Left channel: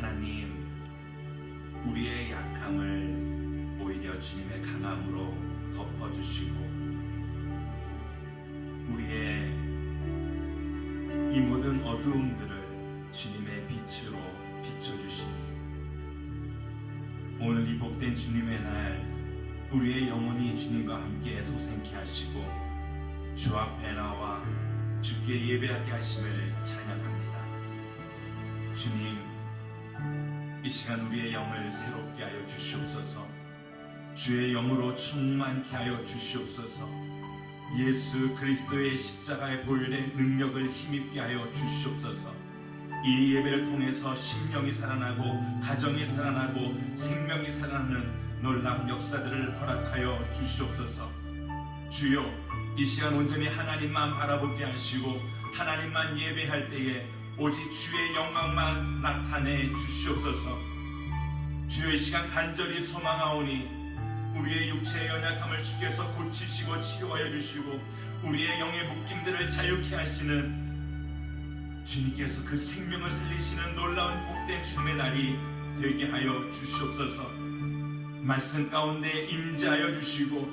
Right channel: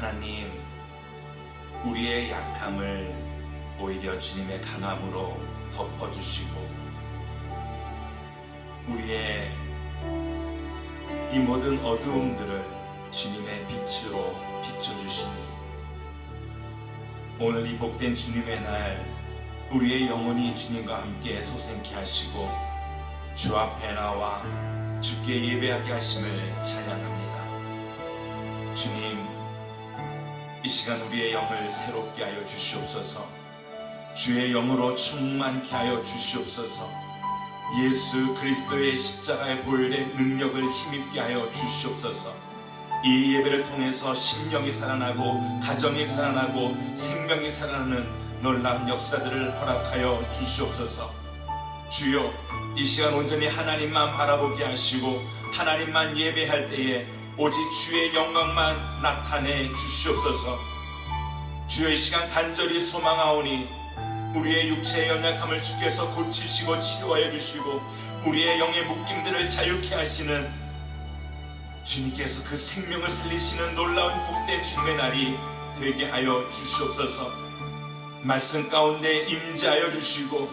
하나님, 우리의 약함을 오히려 주님의 강함으로 덮어주시고 우리의 이 모든 어두움들을 주님의 빛으로 비춰주시니 오늘 이 복된 주님의 날 우리의 영혼이 주님과 함께 소생케 하시고 주 앞에 나와 주께 예배하게 하심을 찬양합니다. 주님, 이 시간 우리의 영을 새롭게 하여 주시옵소서. 주의 영으로 충만케 하여 주시옵소서. 예수 그리스도의 십자가의 보혈의 능력을 힘입게 하여 주시옵소서. 이 예배를 통해서 심령이 살아나고 가정이 살아나고 생명이 살아나는 놀라운 역사들을 허락하여 주시옵소서. 주여, 이 시간 온전히 하나님만 바라보게 하시고 하나님만 예배할 때에 오직 주의 영광만 나타내 주시옵소서. 주여, 이 시간 간절히 소망하오니 우리의 육체의 연약함을 주께서 고치시고 치료하여 주시고 우리의 영의 묶임들을 자유케 하시는 주님께서 그 생명을 살리시는 놀라운 복된 주님의 날이 되게 하여 주시옵소서. 말씀 가운데 임재하여 주시고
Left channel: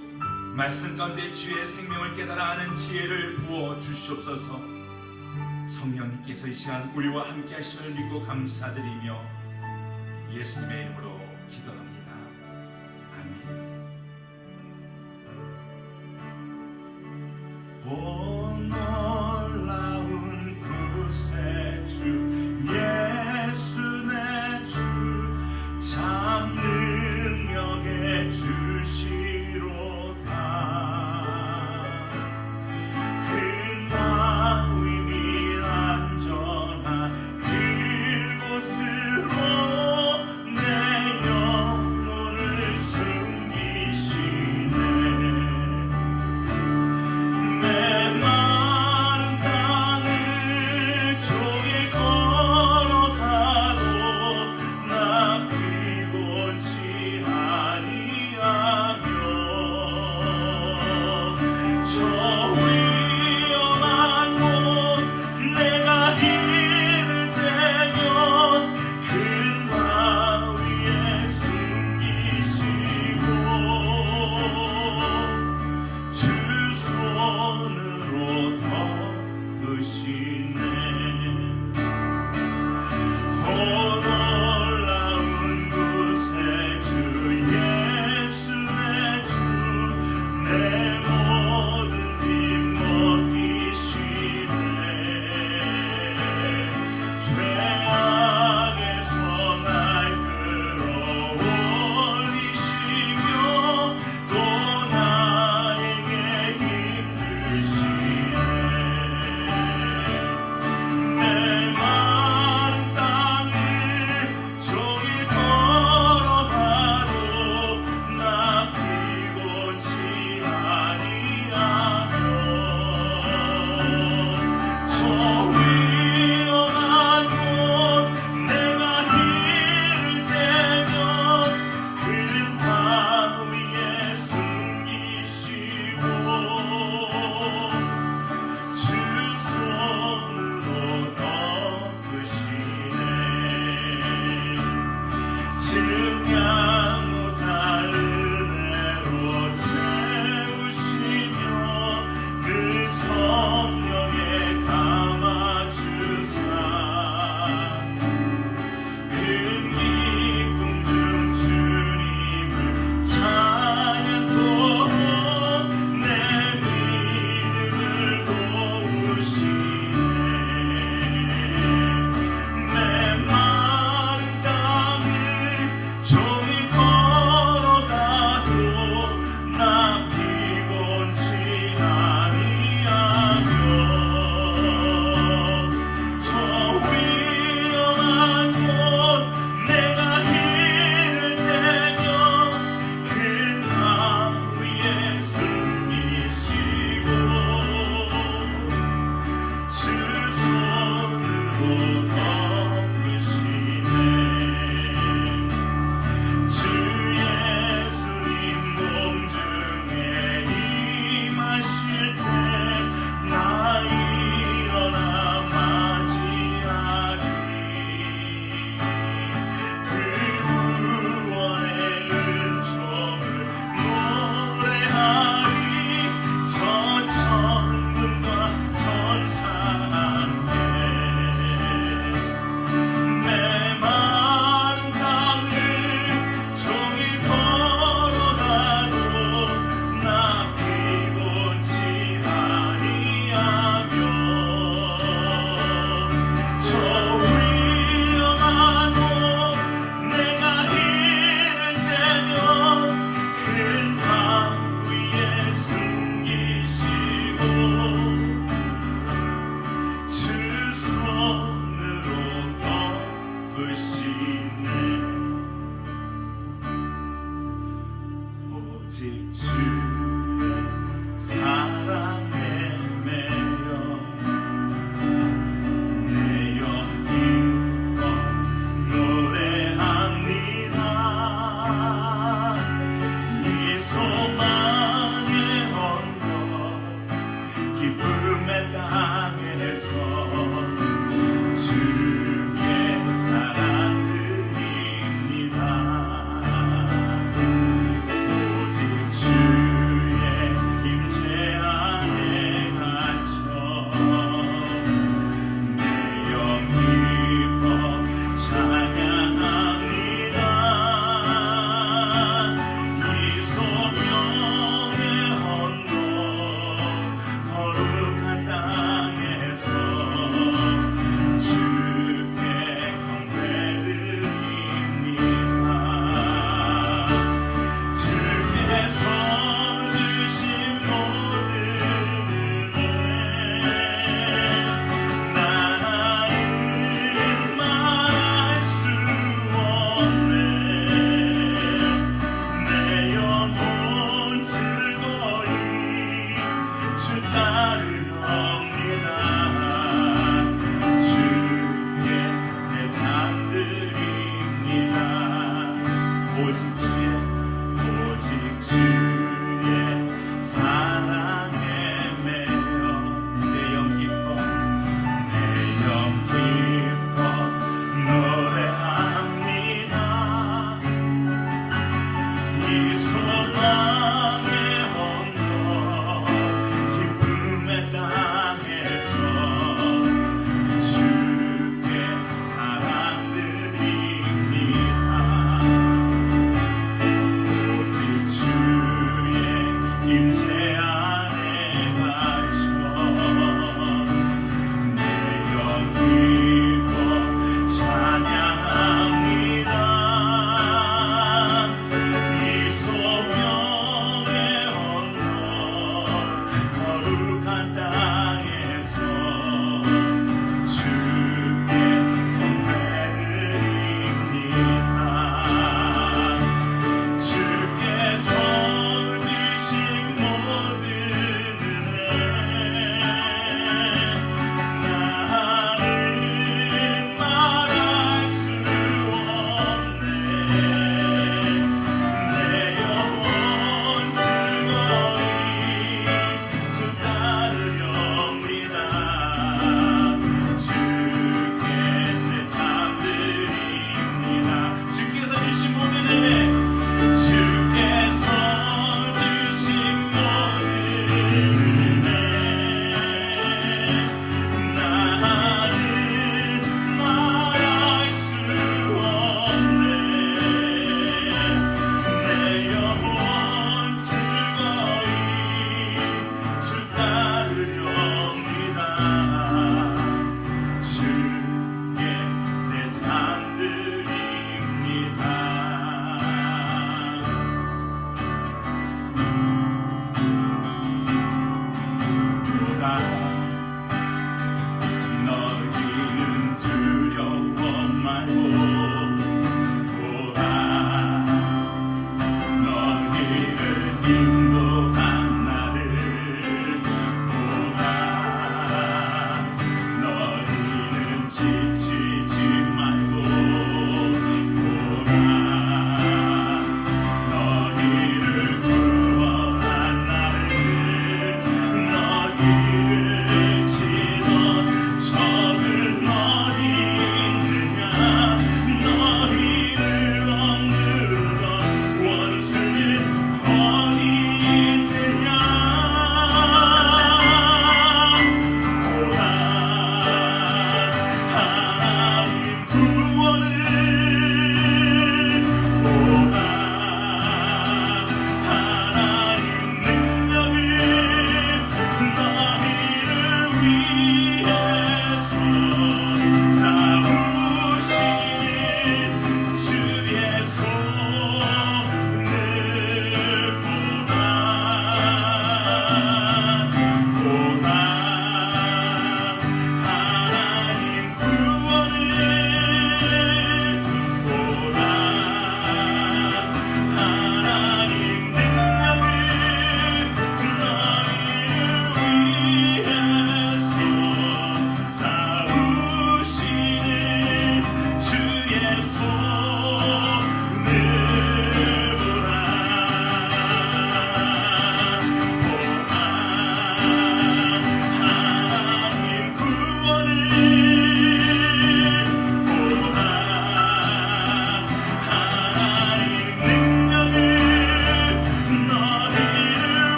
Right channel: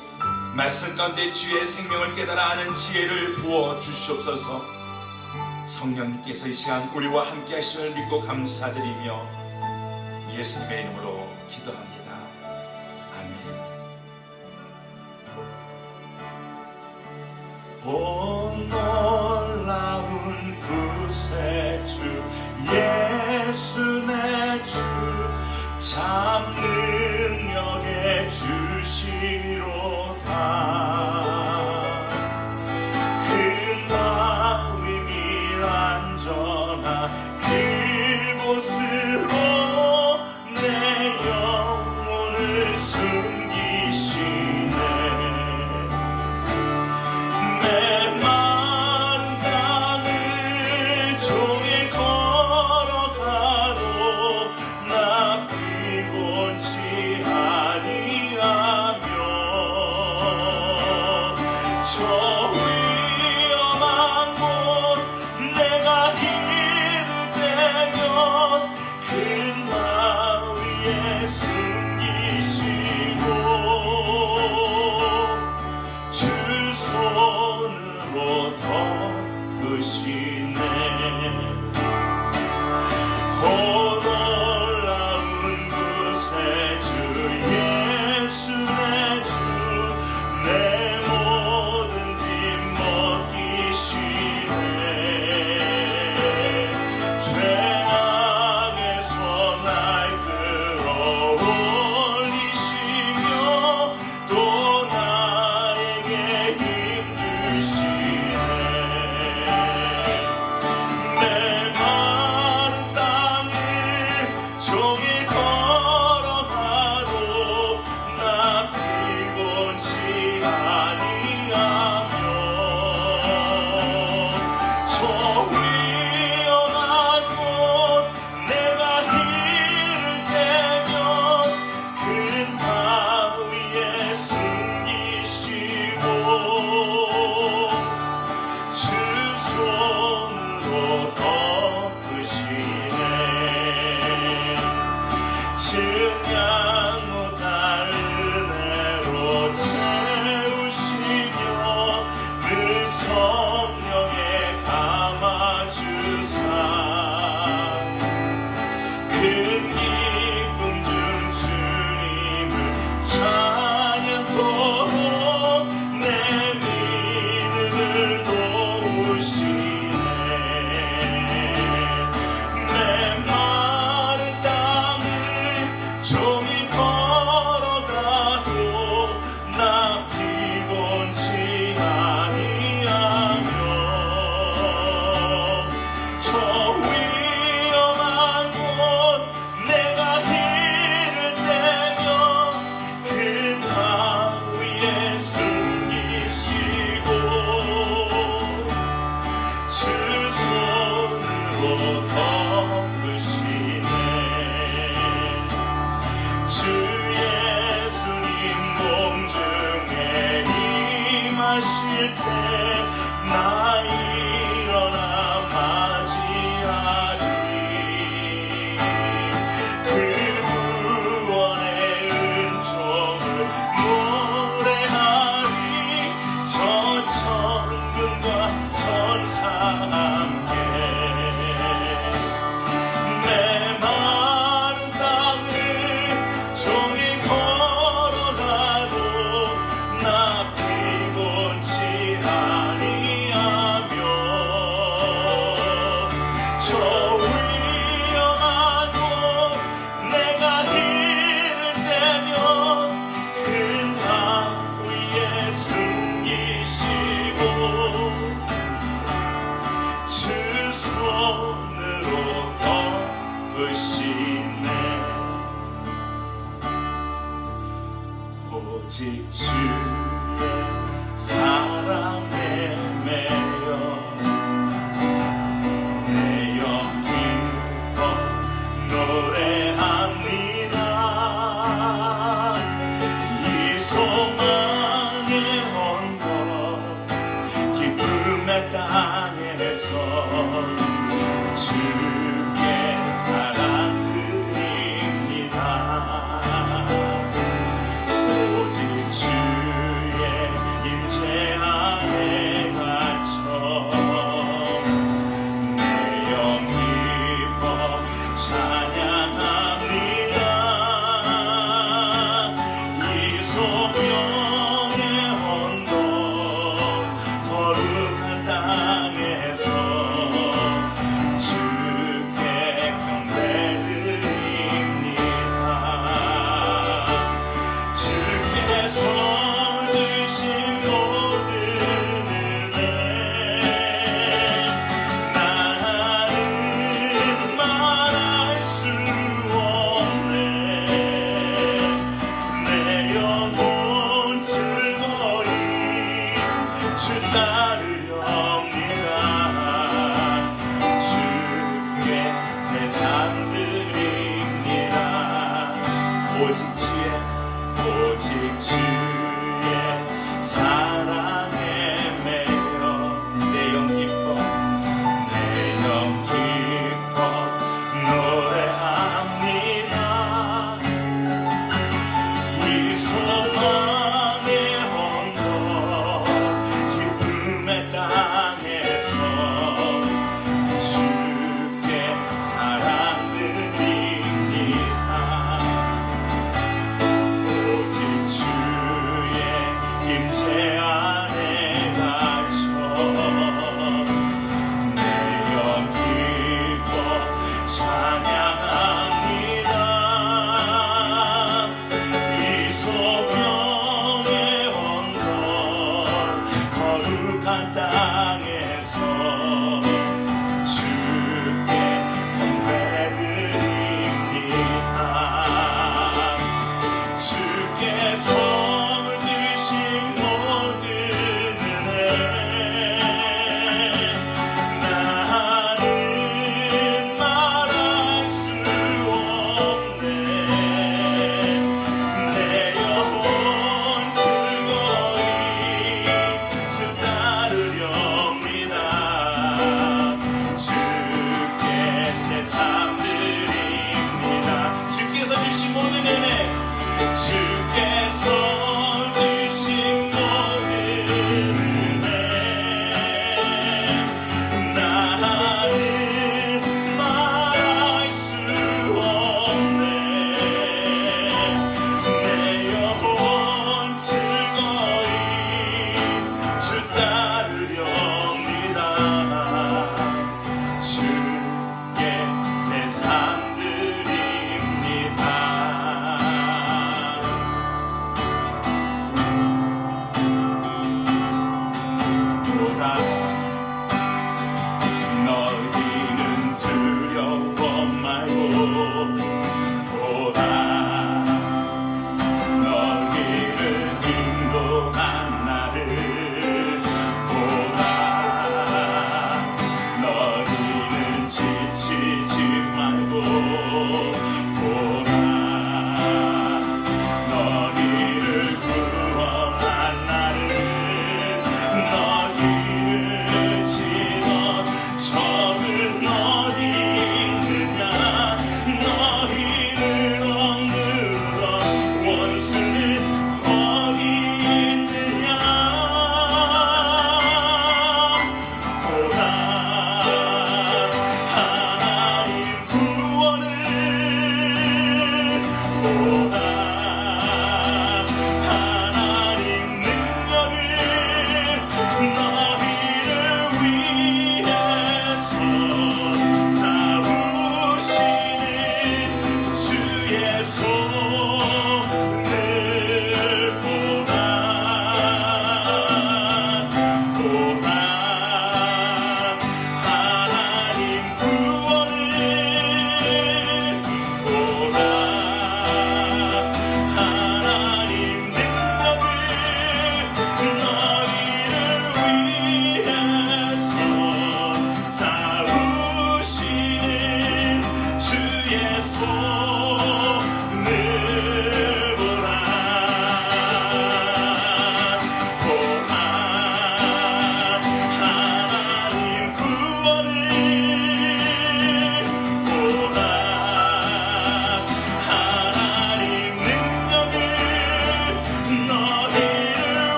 말씀 가운데 주의 생명을 깨달아 아는 지혜를 부어 주시옵소서. 성령님께서 이 시간 우리와 함께 하심을 믿고 감사드리며 예수님의 이름으로 기도합니다. 아멘. 오 놀라운 구세주 예수 내 주 참 능력의 주시로다. 큰 마음이 안전한 그곳으로 내 영혼을 숨기시네. 메마른 땅을 종일 걸어가도 나 피곤치 아니하며 저 위험한 곳 내가 이를 때면 큰 마 위에 숨기시고 주 손으로 덮으시네. 오 놀라운 구세주 예수 내 주 내 모든 짐 벗기시네. 죄악에서 날 끌어올리시며 또 나에게 힘 주시네. 메마른 땅을 종일 걸어가도 나 피곤치 아니하며 저 위험한 곳 내가 이를 때면 큰 바 위에 숨기시고 주 손으로 덮으시네. 증량 못할 은혜로 채우시며 늘 성령에 감아주사 큰 기쁨 중 주님을 찬양토록 내 믿음을 도우시네. 메마른 땅을 종일 걸어가도 나 피곤치 아니하며 저 위험한 곳 내가 이를 때면 큰 바 위에 숨기시고 주 손으로 덮으시네. 주 예수님 공중에 임하실 때 나 일어나 맞이하리. 부르시네. 오직 주의 사랑에 매여 내 영 기뻐 노래합니다. 이 소망의 언덕 기쁨의 땅에서 주께 사랑 드립니다. 오직 주의 임재 안에 갇혀 내 영 기뻐 찬양합니다. 이 소명의 언덕 거룩한 땅에서 주께 경배드립니다. 주께서 주신 모든 은혜 나는 말할 수 없네. 내 영혼 즐거이 주 따르렵니다. 주께 내 삶 드립니다. 오직 주의 사랑에 매여 내 영 기뻐 노래합니다. 이 소망의 언덕 기쁨의 땅에서 주께 사랑 드립니다. 오직 주의 임재 안에 갇혀 내 영 기뻐 찬양합니다. 이 소명의 언덕 거룩한 땅에서 주께 경배드립니다. 주께서 주신 모든 은혜 나는 말할 수 없네. 내 영혼 즐거이 주 따르렵니다. 주께 내 삶 드립니다. 주께서 주신 모든 은혜 주께서 주신 모든 은혜 나는 말할 수 없네. 내 영혼 즐거이 주 따르렵니다. 주께 내 삶 드립니다. 보다 너희는 두려워 말고 보다 너희를 인도한 나를 보다 너희는 지치지 말고 보다 너희를 구원한 나를 너희를 치던 적은 어디 있느냐 너희를 억누르던 원수는 어디 있느냐 보라 하나님 구원을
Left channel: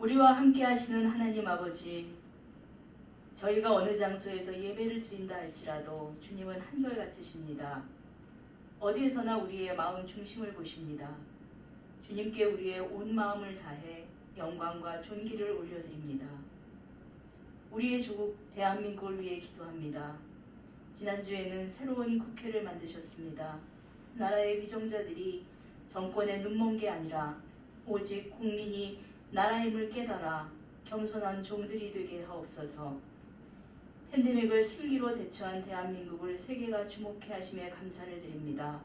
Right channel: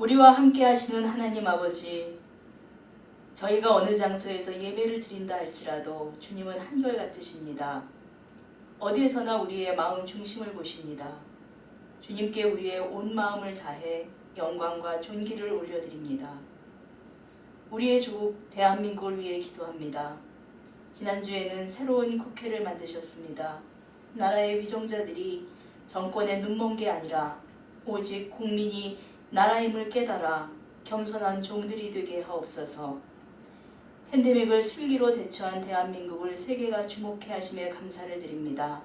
우리와 함께 하시는 하나님 아버지, 저희가 어느 장소에서 예배를 드린다 할지라도 주님은 한결같으십니다. 어디에서나 우리의 마음 중심을 보십니다. 주님께 우리의 온 마음을 다해 영광과 존귀를 올려드립니다. 우리의 조국 대한민국을 위해 기도합니다. 지난주에는 새로운 국회를 만드셨습니다. 나라의 위정자들이 정권에 눈먼 게 아니라 오직 국민이 나라임을 깨달아 겸손한 종들이 되게 하옵소서. 팬데믹을 슬기로 대처한 대한민국을 세계가 주목해 하심에 감사를 드립니다.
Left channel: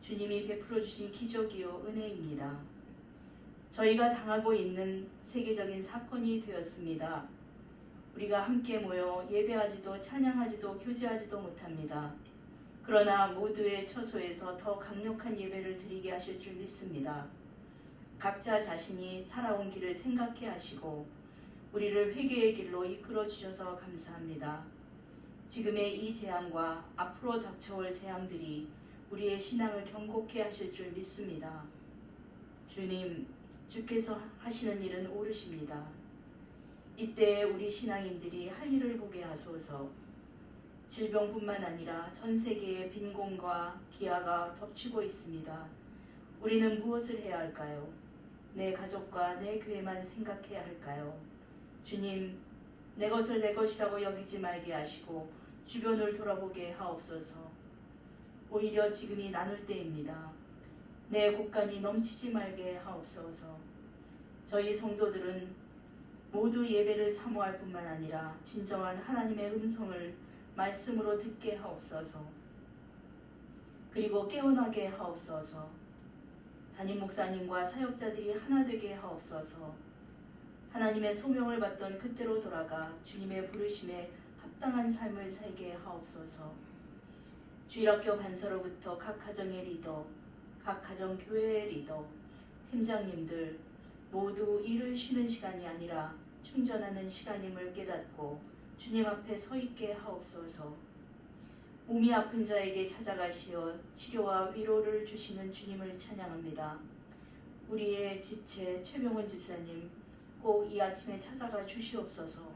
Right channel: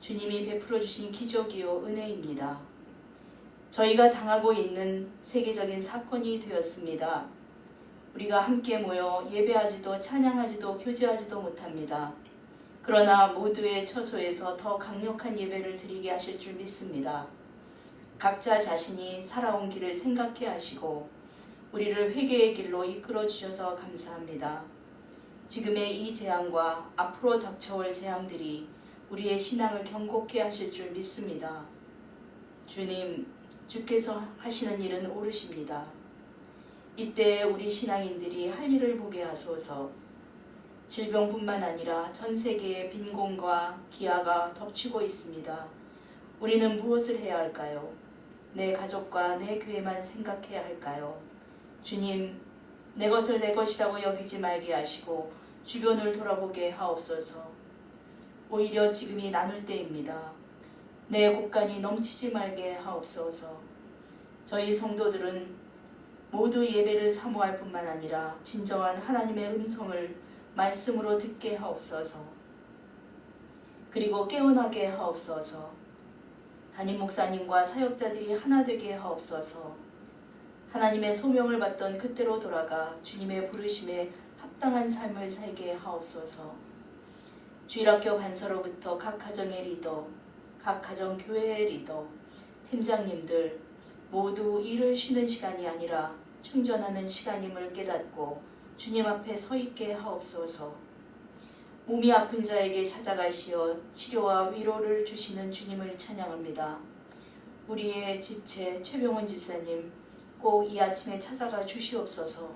주님이 베풀어 주신 기적이요 은혜입니다. 저희가 당하고 있는 세계적인 사건이 되었습니다. 우리가 함께 모여 예배하지도 찬양하지도 교제하지도 못합니다. 그러나 모두의 처소에서 더 강력한 예배를 드리게 하실 줄 믿습니다. 각자 자신이 살아온 길을 생각해 하시고 우리를 회개의 길로 이끌어 주셔서 감사합니다. 지금의 이 재앙과 앞으로 닥쳐올 재앙들이 우리의 신앙을 경고케 하실 줄 믿습니다. 주님, 주께서 하시는 일은 옳으십니다. 이때 우리 신앙인들이 할 일을 보게 하소서. 질병뿐만 아니라 전 세계의 빈곤과 기아가 덮치고 있습니다. 우리는 무엇을 해야 할까요? 내 가족과 내 교회만 생각해야 할까요? 주님, 내 것을 내 것이라고 여기지 말게 하시고 주변을 돌아보게 하옵소서. 오히려 지금이 나눌 때입니다. 내 곳간이 넘치지 말게 하옵소서. 저희 성도들은 모두 예배를 사모할 뿐만 아니라 진정한 하나님의 음성을 말씀으로 듣게 하옵소서. 그리고 깨어나게 하옵소서. 담임 목사님과 사역자들이 하나 되게 하옵소서. 하나님의 소명을 받던 그때로 돌아가 주님의 부르심에 합당한 삶을 살게 하옵소서. 주일학교 반서로부터 각 가정의 리더, 각 가정 교회의 리더, 팀장님들 모두 일을 쉬는 시간이 아니라 충전하는 시간임을 깨닫고 주님 앞에 서 있게 하옵소서. 몸이 아픈 자에게 찾아가시어 치료와 위로를 주시는 주님을 찬양합니다. 우리의 지체 최병훈 집사님 꼭 이 아침에 찾아가 주시옵소서.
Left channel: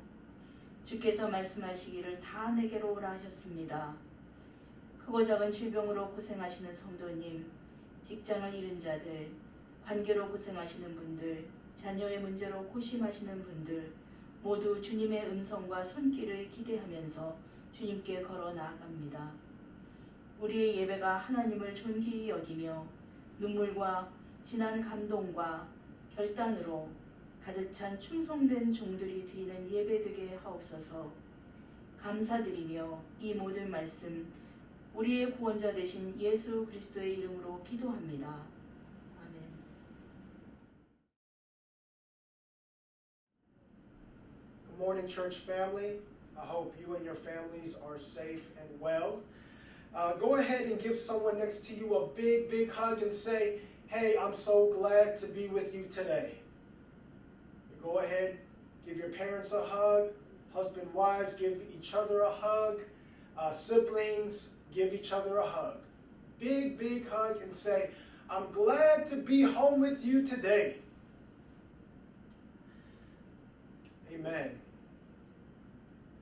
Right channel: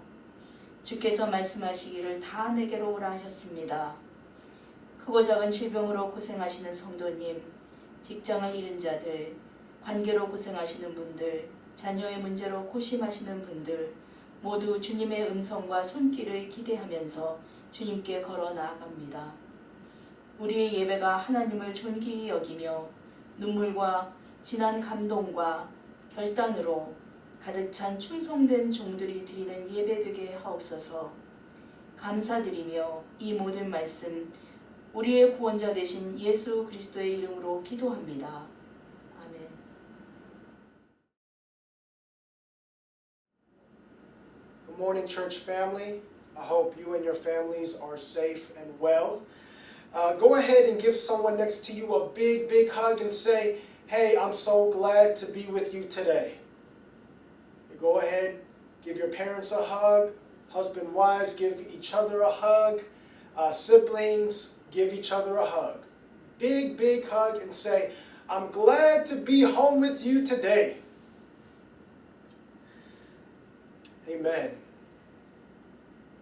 주께서 말씀하시기를 다 내게로 오라 하셨습니다. 크고 작은 질병으로 고생하시는 성도님, 직장을 잃은 자들, 관계로 고생하시는 분들, 자녀의 문제로 고심하시는 분들 모두 주님의 음성과 손길을 기대하면서 주님께 걸어 나아갑니다. 우리의 예배가 하나님을 존귀히 여기며 눈물과 진한 감동과 결단으로 가득 찬 충성된 종들이 드리는 예배 되게 하옵소서. 감사드리며 이 모든 말씀 우리의 구원자 되신 예수 그리스도의 이름으로 기도합니다. 아멘. Good morning, church family. I hope you and your families are safe and well. Go ahead and give someone next to you a big, big hug and say, hey, I'm so glad to be with you today. Go ahead, give your parents a hug. Husband, wives, give each other a hug. Siblings, give each other a hug. Big, big hug and say, I'm glad to be home with you today. Amen.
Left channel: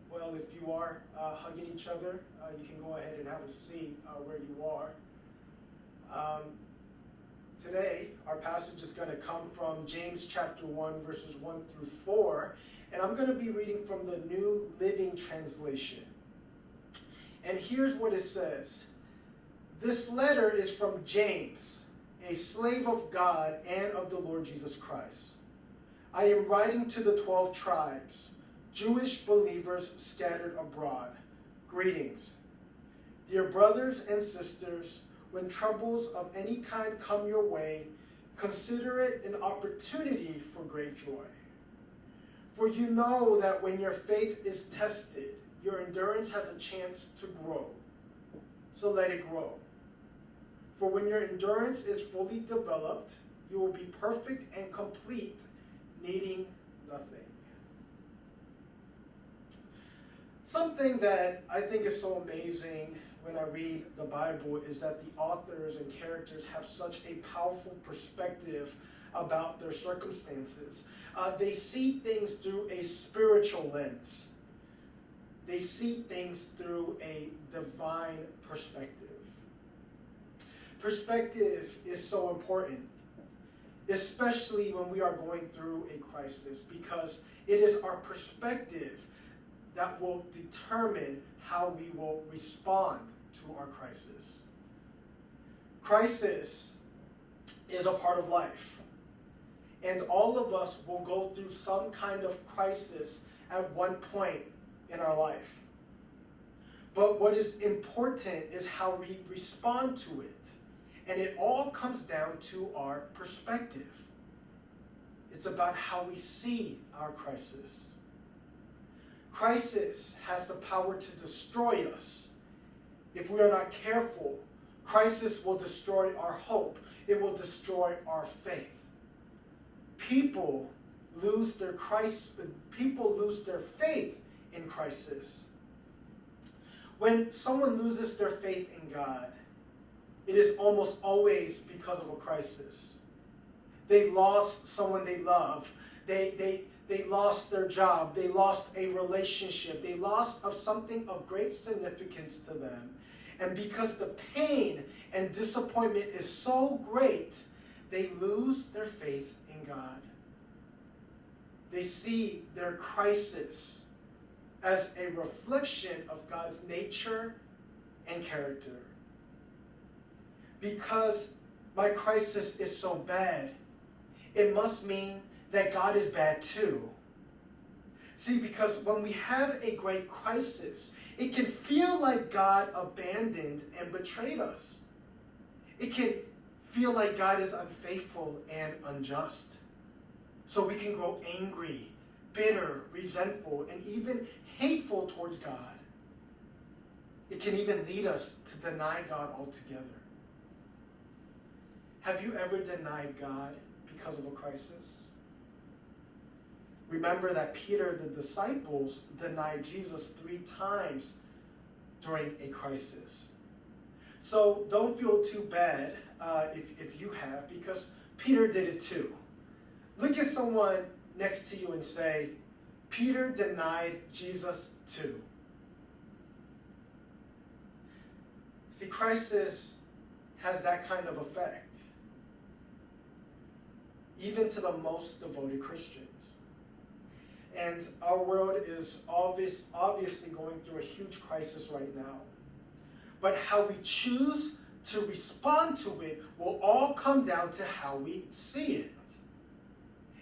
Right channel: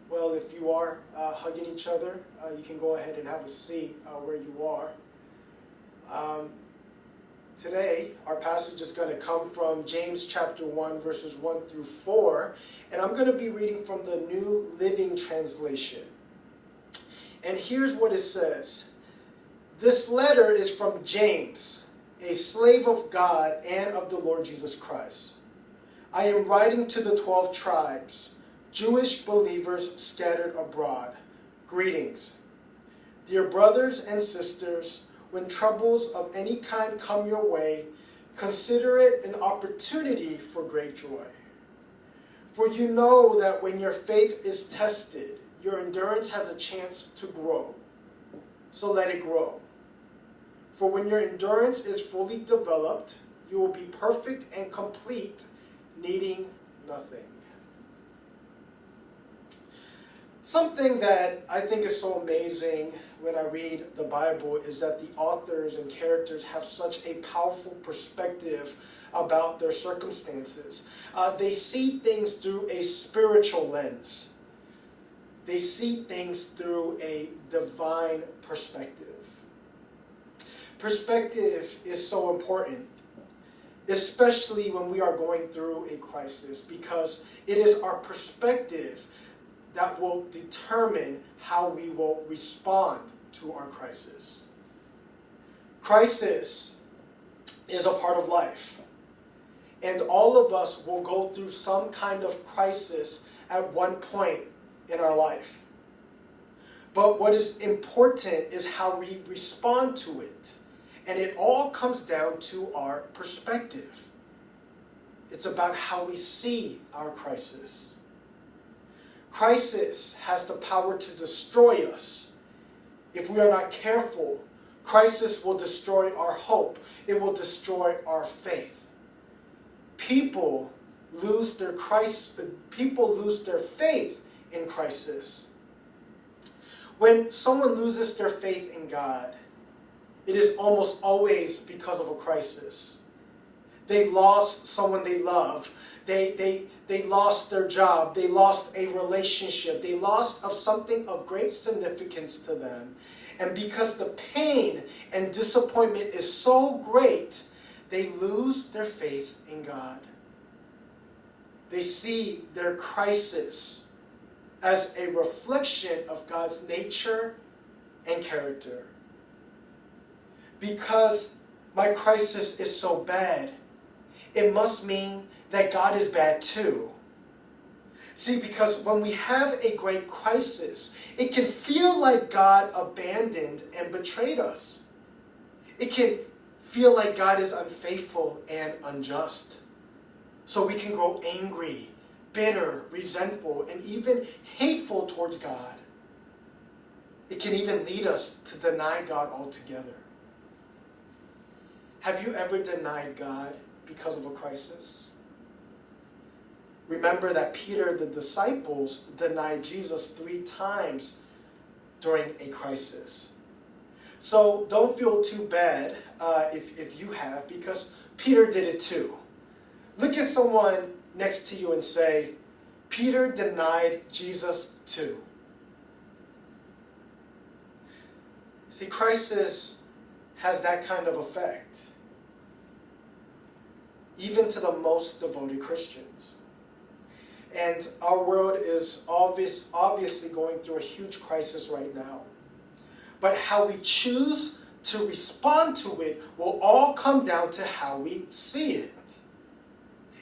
Well, if you are hugging each other, you can go ahead and have a seat where you are. Today, our passage is going to come from James chapter 1, verses 1 through 4, and I'm going to be reading from the New Living Translation. And here's what it says. This letter is from James, a slave of God and of the Lord Jesus Christ. I am writing to the 12 tribes, Jewish believers scattered abroad. Greetings. Dear brothers and sisters, when troubles of any kind come your way, consider it an opportunity for great joy. For you know that when your faith is tested, your endurance has a chance to grow. So let it grow. For when your endurance is fully developed, you will be perfect and complete, needing nothing. Something that I think is so amazing when I read the Bible is that the authors and characters have such a powerful perspective about their circumstances. They see things through a spiritual lens. They see things through a divine perspective. Perspective is so important, especially when we are going through a crisis, because it is our perspective that will determine how we will respond to our crisis. Crisis is a part of life, and all of us will go through some kind of crisis at one point in our life. But what is important is how we respond to it. And it all comes down to our perspective. It's about how we see our crisis. Crisis has the power to destroy us. If we are not careful, crisis will destroy our hope. It will destroy our faith. People lose their faith in crisis. When someone loses their faith in God, it is almost always because of a crisis. They lost someone they love. They lost their job. They lost a relationship. They lost of something of great significance to them. And because the pain and disappointment is so great, they lose their faith in God. They see their crisis as a reflection of God's nature and character. Because my crisis is so bad, it must mean that God is bad too. See, because when we have a great crisis, it can feel like God abandoned and betrayed us. It can feel like God is unfaithful and unjust. So we can grow angry, bitter, resentful, and even hateful towards God. It can even lead us to deny God altogether. Have you ever denied God because of a crisis? Remember that Peter, the disciples, denied Jesus 3 times during a crisis. So don't feel too bad if you have, because Peter did it too. Look at someone next to you and say, Peter denied Jesus too. See, crisis has that kind of effect, even to the most devoted Christians. And our world is obviously going through a huge crisis right now. But how we choose to respond to it will all come down to how we see it.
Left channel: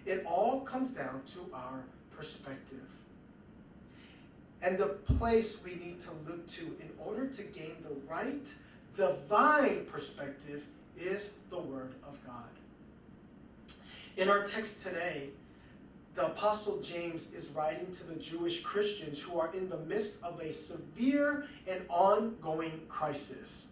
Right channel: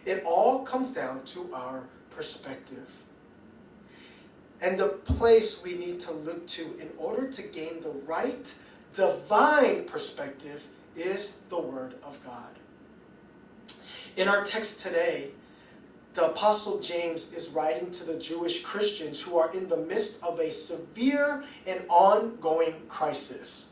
It all comes down to our perspective. And the place we need to look to in order to gain the right divine perspective is the Word of God. In our text today, the Apostle James is writing to the Jewish Christians who are in the midst of a severe and ongoing crisis.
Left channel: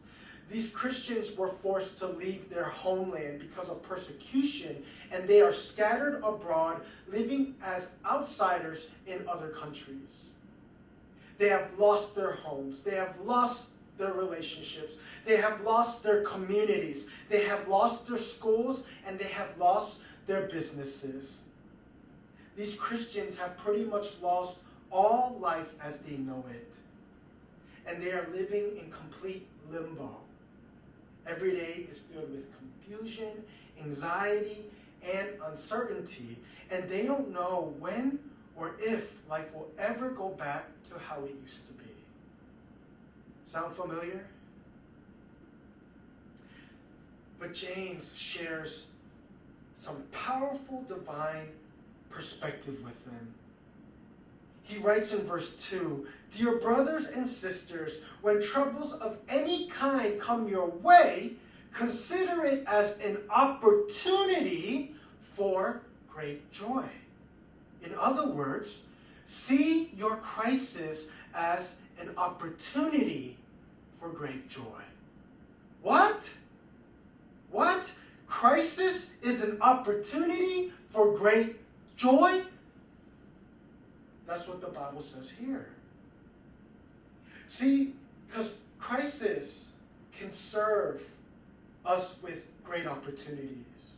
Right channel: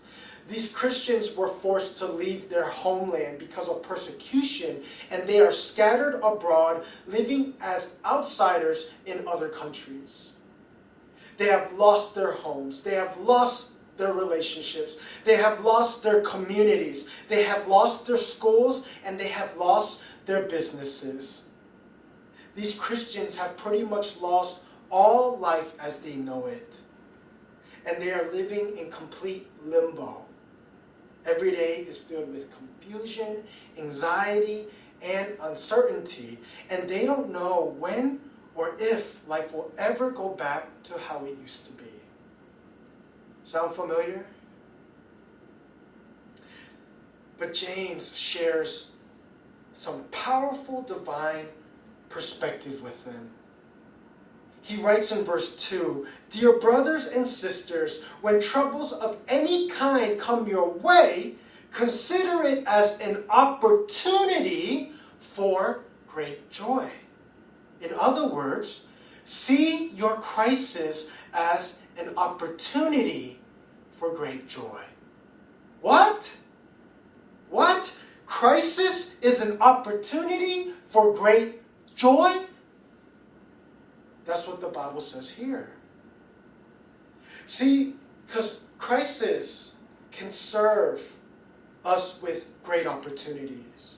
These Christians were forced to leave their homeland because of persecution, and they are scattered abroad, living as outsiders in other countries. They have lost their homes. They have lost their relationships. They have lost their communities. They have lost their schools, and they have lost their businesses. These Christians have pretty much lost all life as they know it. And they are living in complete limbo. Every day is filled with confusion, anxiety, and uncertainty. And they don't know when or if life will ever go back to how it used to be. Sound familiar? But James shares some powerful divine perspective with them. He writes in verse 2, "Dear brothers and sisters, when troubles of any kind come your way, consider it as an opportunity for great joy." In other words, see your crisis as an opportunity for great joy. What? What? Crisis is an opportunity for great joy? That's what the Bible says here. See, because crisis can serve us with great opportunities.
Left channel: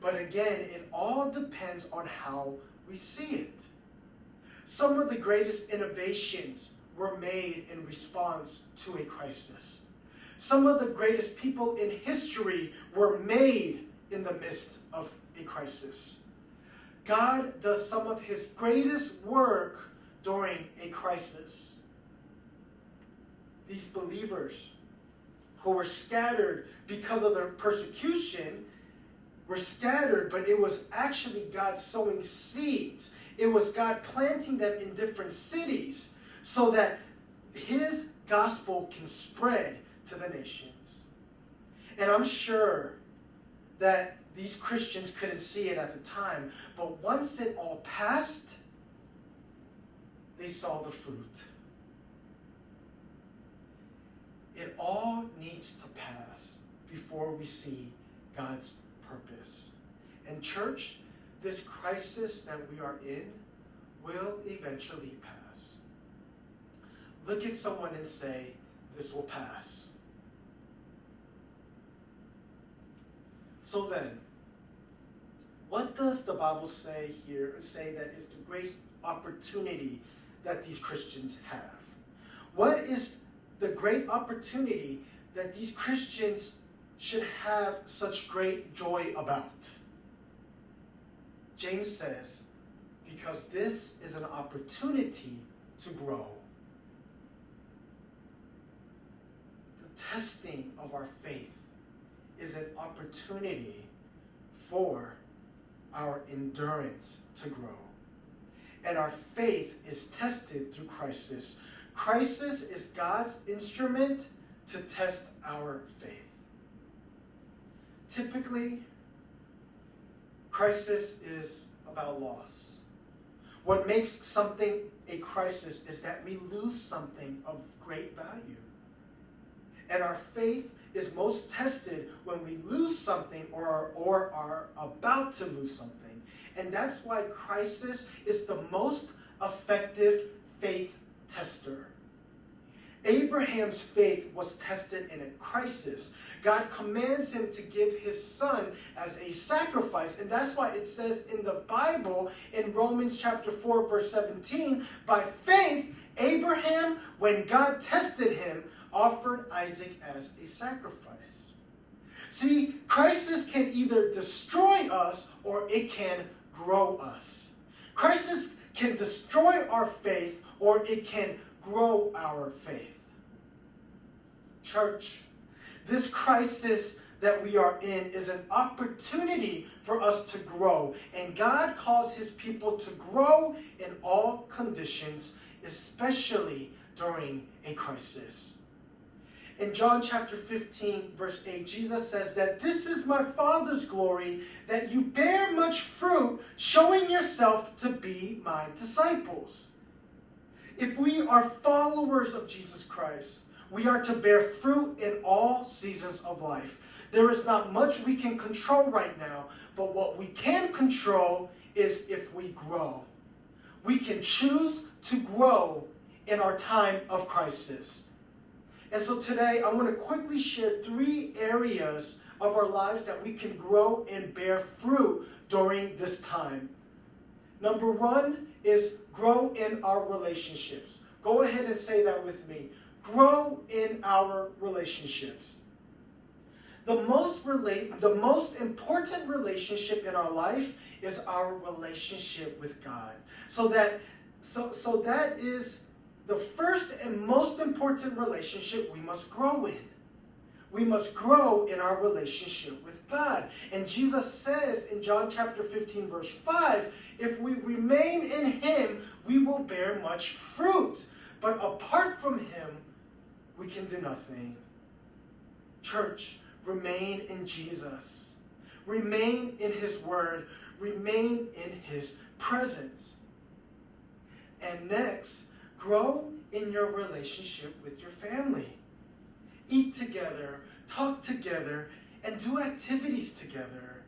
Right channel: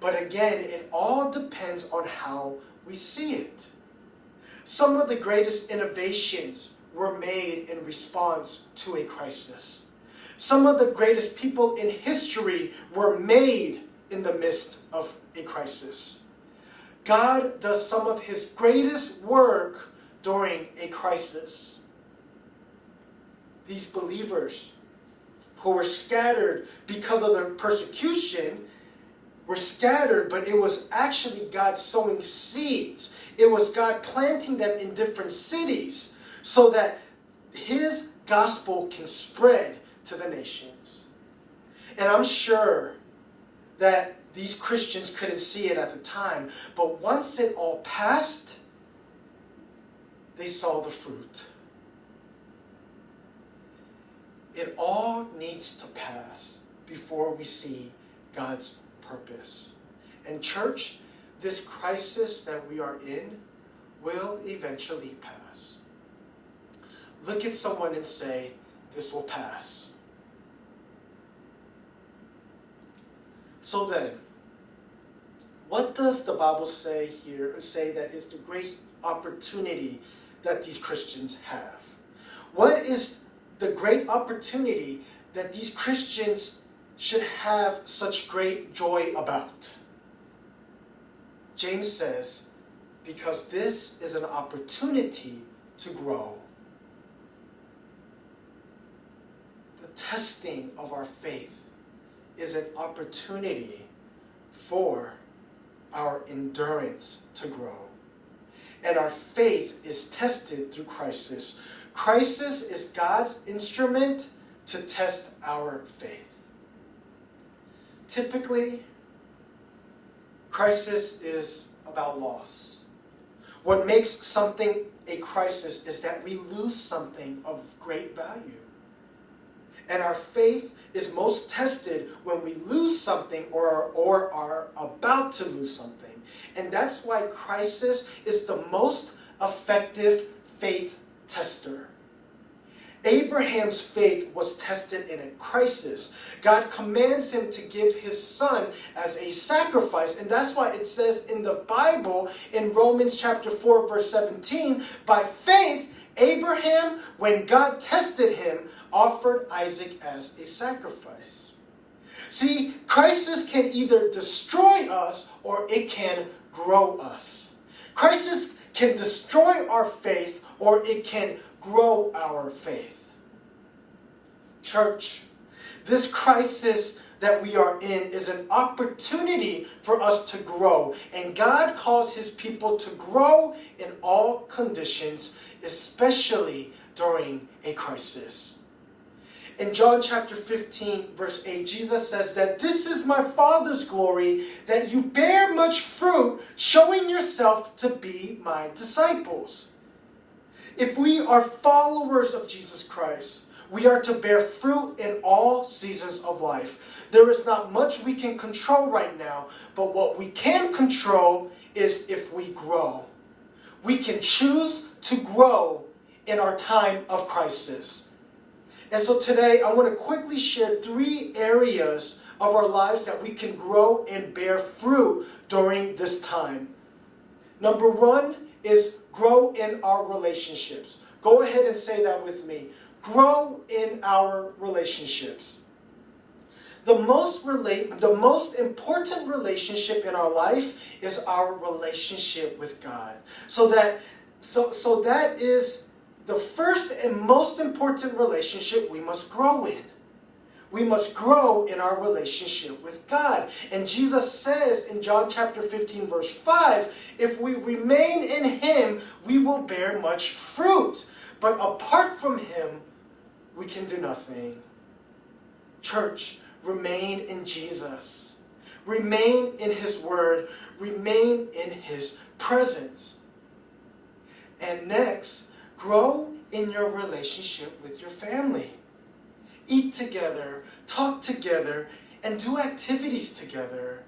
But again, it all depends on how we see it. Some of the greatest innovations were made in response to a crisis. Some of the greatest people in history were made in the midst of a crisis. God does some of his greatest work during a crisis. These believers who were scattered because of their persecution were scattered, but it was actually God sowing seeds. It was God planting them in different cities so that his gospel can spread to the nations. And I'm sure that these Christians couldn't see it at the time, but once it all passed, they saw the fruit. It all needs to pass before we see God's purpose. And church, this crisis that we are in will eventually pass. Look at someone and say, this will pass. So then, what does the Bible say here, say that is the great opportunity that these Christians have? What is the great opportunity that these Christians should have such great joy about? James says, because this is an opportunity to grow. The testing of our faith is an opportunity for our endurance to grow. And our faith is tested through crisis. Crisis is God's instrument to test our faith. Typically, crisis is about loss. What makes something a crisis is that we lose something of great value. And our faith is most tested when we lose something or are about to lose something. And that's why crisis is the most effective faith tester. Abraham's faith was tested in a crisis. God commands him to give his son as a sacrifice. And that's why it says in the Bible, in Romans chapter 4, verse 17, by faith, Abraham, when God tested him, offered Isaac as a sacrifice. See, crisis can either destroy us or it can grow us. Crisis can destroy our faith or it can grow our faith. Church, this crisis that we are in is an opportunity for us to grow. And God calls his people to grow in all conditions, especially during a crisis. In John chapter 15, verse 8, Jesus says that this is my Father's glory, that you bear much fruit, showing yourself to be my disciples. If we are followers of Jesus Christ, we are to bear fruit in all seasons of life. There is not much we can control right now, but what we can control is if we grow. We can choose to grow in our time of crisis. And so today I want to quickly share 3 areas of our lives that we can grow and bear fruit during this time. Number 1 is grow in our relationships. Go ahead and say that with me. Grow in our relationships. The most important relationship in our life is our relationship with God. So that is the first and most important relationship we must grow in. We must grow in our relationship with God. And Jesus says in John chapter 15, verse 5, if we remain in him, we will bear much fruit. But apart from him, we can do nothing. Church, remain in Jesus. Remain in his word. Remain in his presence. And next, grow in your relationship with your family. Eat together, talk together, and do activities together.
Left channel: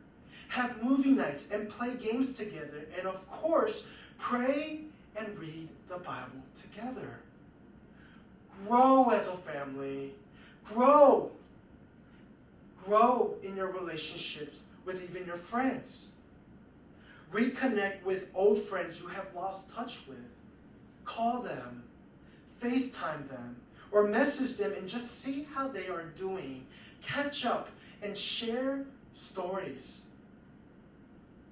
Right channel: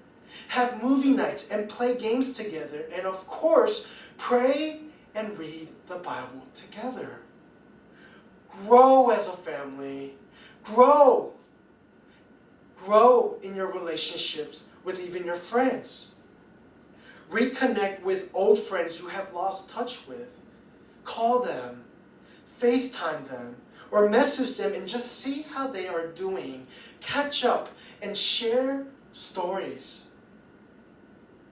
Have movie nights and play games together. And of course, pray and read the Bible together. Grow as a family. Grow. Grow in your relationships with even your friends. Reconnect with old friends you have lost touch with. Call them, FaceTime them, or message them and just see how they are doing. Catch up and share stories.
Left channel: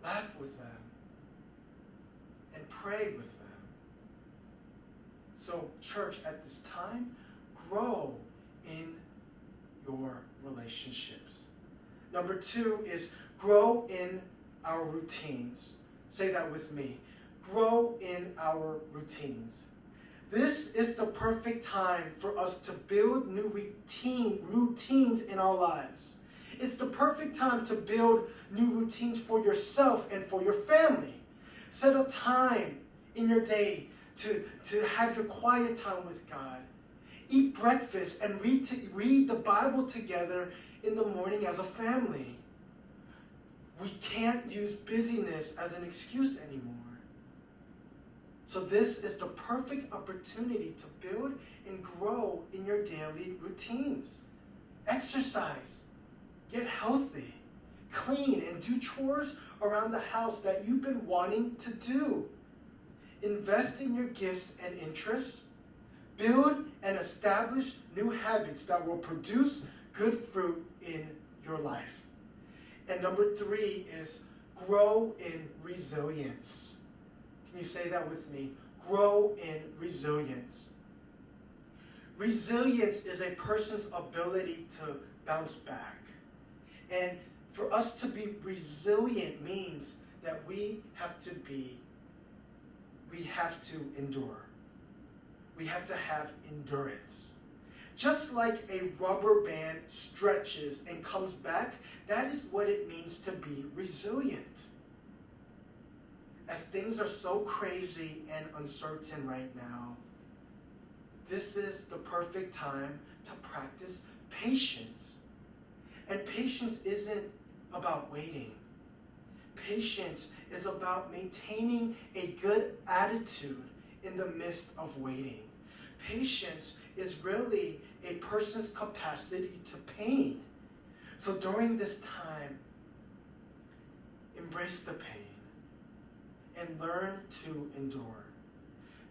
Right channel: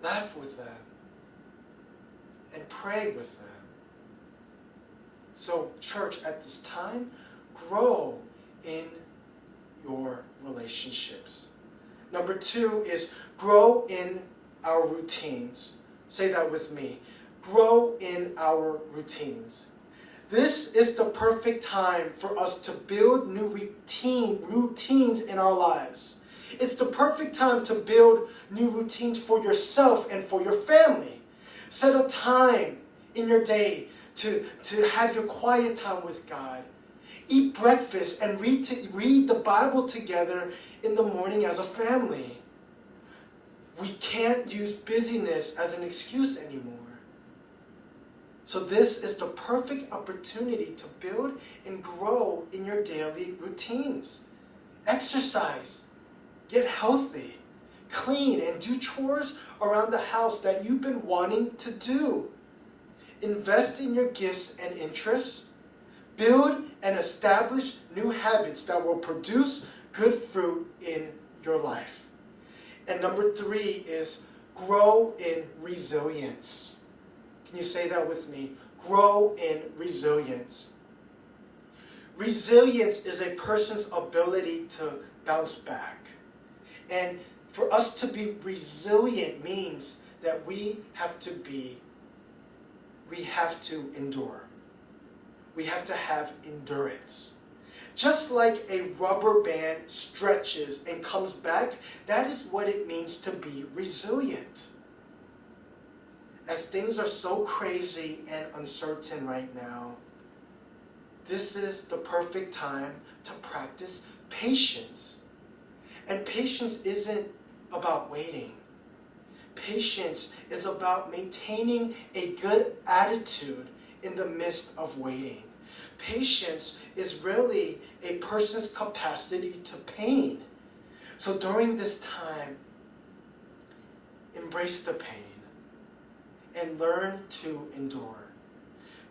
Laugh with them and pray with them. So, church, at this time, grow in your relationships. Number 2 is grow in our routines. Say that with me. Grow in our routines. This is the perfect time for us to build new routines in our lives. It's the perfect time to build new routines for yourself and for your family. Set a time in your day to have your quiet time with God. Eat breakfast and read the Bible together in the morning as a family. We can't use busyness as an excuse anymore. So this is the perfect opportunity to build and grow in your daily routines. Exercise, get healthy, clean, and do chores around the house that you've been wanting to do. Invest in your gifts and interests. Build and establish new habits that will produce good fruit in your life. And number 3 is grow in resilience. Can you say that with me? Grow in resilience. Resilience is a person's ability to bounce back. And for us to be resilient means that we have to endure. We have to have endurance. Just like a rubber band stretches and comes back, that is what it means to be resilient. As things are so crazy and uncertain right now, this is the perfect time to practice patience. And patience isn't about waiting. Patience is about maintaining a good attitude in the midst of waiting. Patience is really a person's capacity to pain. So during this time, embrace the pain and learn to endure.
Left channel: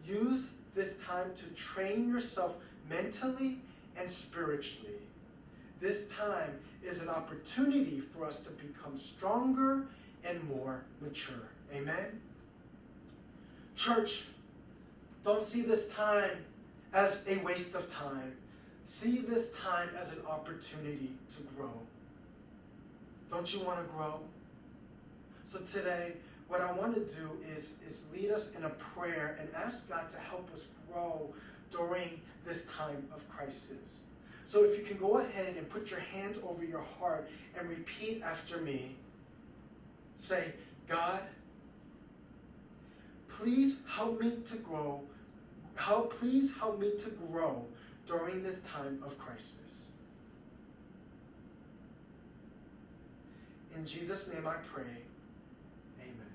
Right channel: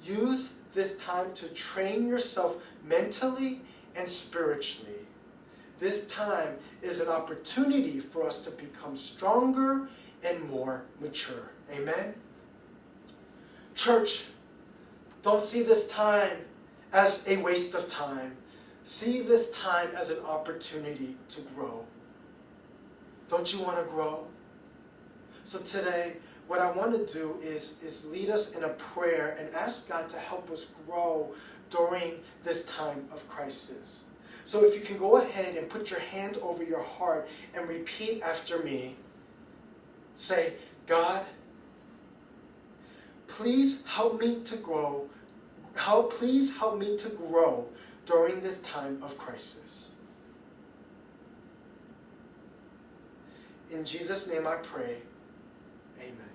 Use this time to train yourself mentally and spiritually. This time is an opportunity for us to become stronger and more mature. Amen? Church, don't see this time as a waste of time. See this time as an opportunity to grow. Don't you want to grow? So today, what I want to do is lead us in a prayer and ask God to help us grow during this time of crisis. So if you can go ahead and put your hand over your heart and repeat after me. Say, God, please help me to grow. Please help me to grow during this time of crisis. In Jesus' name I pray. Amen.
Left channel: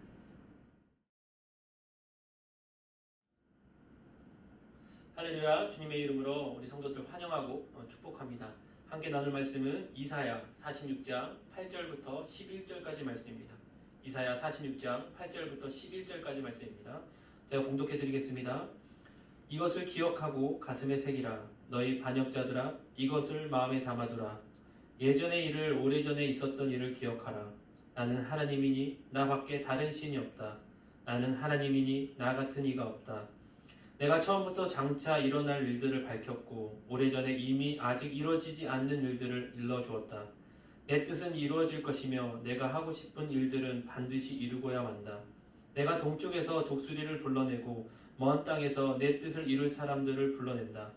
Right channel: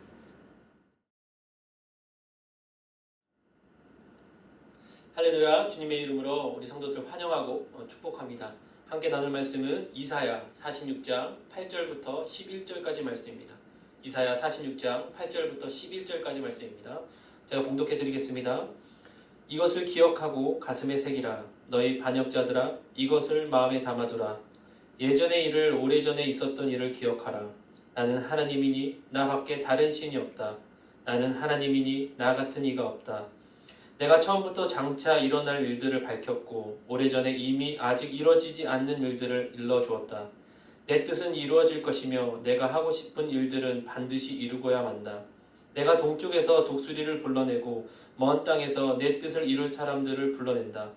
할렐루야. 주님의 이름으로 우리 성도들 환영하고 축복합니다. 함께 나눌 말씀은 이사야 46장 8절부터 11절까지 말씀입니다. 이사야 46장 8절부터 11절까지 말씀입니다. 제가 봉독해 드리겠습니다. 이것을 기억하고 가슴에 새기라. 너희 반역자들아, 이것을 마음에 담아두라. 예전의 일을, 오래전에 있었던 일을 기억하라. 나는 하나님이니 나 밖에 다른 신이 없다. 나는 하나님이니 나 같은 이가 없다. 내가 처음부터 장차 일어날 일들을 밝혔고 오래전에 이미 아직 이루어지지 않는 일들을 일러주었다. 내 뜻은 이루어질 것이며 내가 하고 싶은 일들은 반드시 이루고야 만다. 내가 동쪽에서 독수리를 불러내고 먼 땅에서 내 뜻을 이룰 사람들을 불러낸다.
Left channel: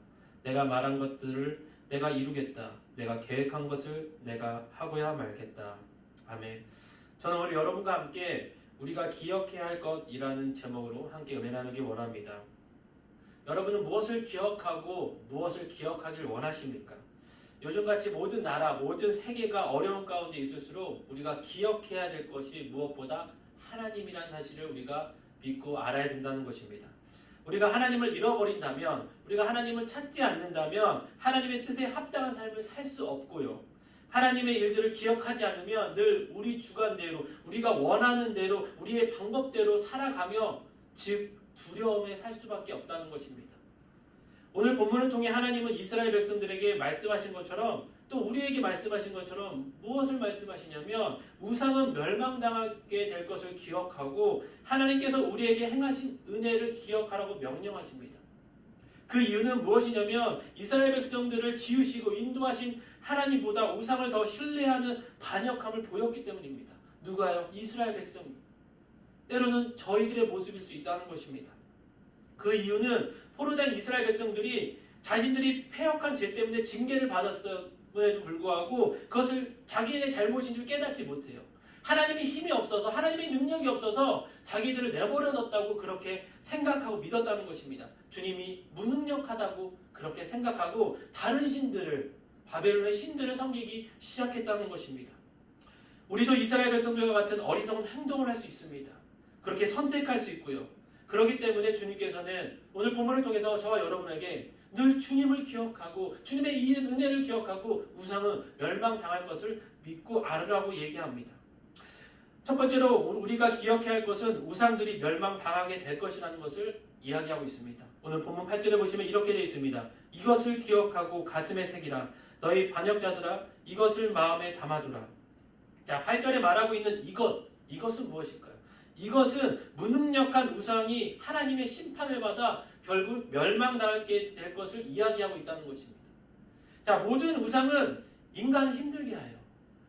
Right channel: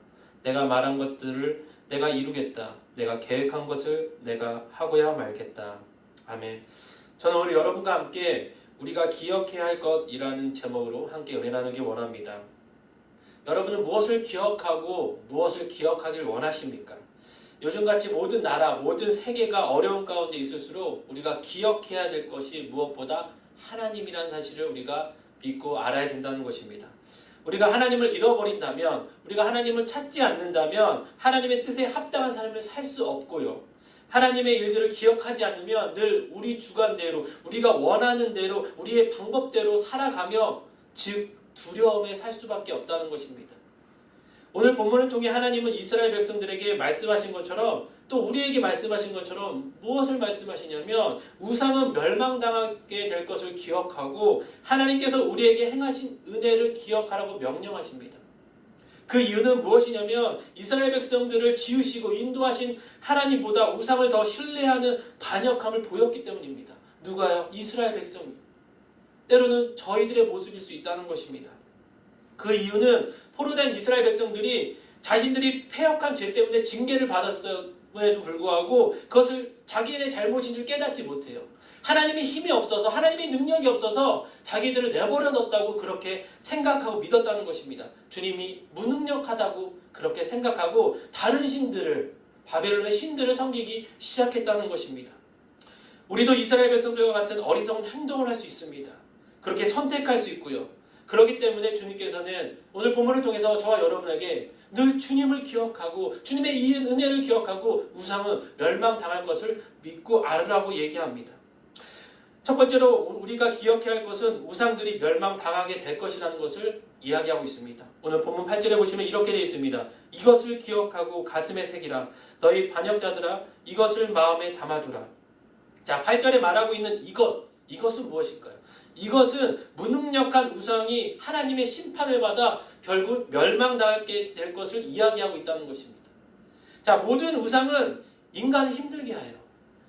내가 말한 것들을 내가 이루겠다. 내가 계획한 것을 내가 하고야 말겠다. 아멘. 저는 우리 여러분과 함께 우리가 기억해야 할 것이라는 제목으로 함께 은혜 나누기 원합니다. 여러분은 무엇을 기억하고 무엇을 기억하길 원하십니까? 요즘같이 모든 나라, 모든 세계가 어려운 가운데 있을수록 우리가 기억해야 될 것이 무엇보다 하나님이라는 사실을 우리가 믿고 알아야 된다는 것입니다. 우리가 하나님을 잃어버린다면, 우리가 하나님을 찾지 않는다면 하나님의 뜻에 합당한 삶을 살 수 없고요. 하나님의 일들을 기억하지 않으면 늘 우리 주관대로, 우리가 원하는 대로, 우리의 방법대로 살아가며 즉 두려움에 살 수밖에 없다는 것입니다. 오늘 본문을 통해 하나님은 이스라엘 백성들에게 말씀하신 것처럼 또 우리에게 말씀하신 것처럼 무엇을 말씀하시냐면 우상은 멸망당하게 될 것을 기억하고 하나님께서 우리에게 행하신 은혜를 기억하라고 명령하십니다. 그 이유는 무엇이냐면 이스라엘 백성들을 지으시고 인도하신 하나님보다 우상을 더 신뢰하는 반역함을 보였기 때문입니다. 누가요? 이스라엘 백성이. 때로는 저희들의 모습일 수 있다는 것입니다. 그 이유는 포로된 이스라엘 백성들이 자신들이 패역한 죄 때문에 징계를 받았음에도 불구하고 그것을 자기네 잘못인 줄 깨닫지 못해요. 하나님의 힘이 없어서, 하나님의 능력이 없어서 자기들을 내버려 뒀다고 그렇게 생각하고 믿었다는 것입니다. 주님이 무능력하다고 그렇게 생각하고 다른 신들을, 바벨론의 신들을 섬기기 시작했다는 것입니다. 우리도 이스라엘 백성들과 같은 어리석은 행동을 할 수 있습니다. 그렇게 선택할 수 있고요. 그렇기 때문에 주님께서는 오늘 본문을 통해서 저와 여러분에게 늘 주님을 기억하고 주님의 이 은혜를 기억하고 우상은 멸망당할 것을 믿고 알으라고 얘기합니다. 첫 번째로 우리가 기억해야 할 것은 우상들이 멸망당하게 될 것이라는 것을 이야기하고 있습니다. 오늘 본문 8절에 보시면 이렇게 되어 있습니다. 이것을 기억하고 가슴에 새기라. 너희 반역자들아 이것을 마음에 담아두라. 자, 8절에 말하고 있는 이것은 무엇일까요? 이것은 무능력한 우상이 하나님의 심판을 받아 결국 멸망당하게 될 것을 이야기하고 있다는 것입니다. 자, 모든 우상은 인간을 힘들게 해요.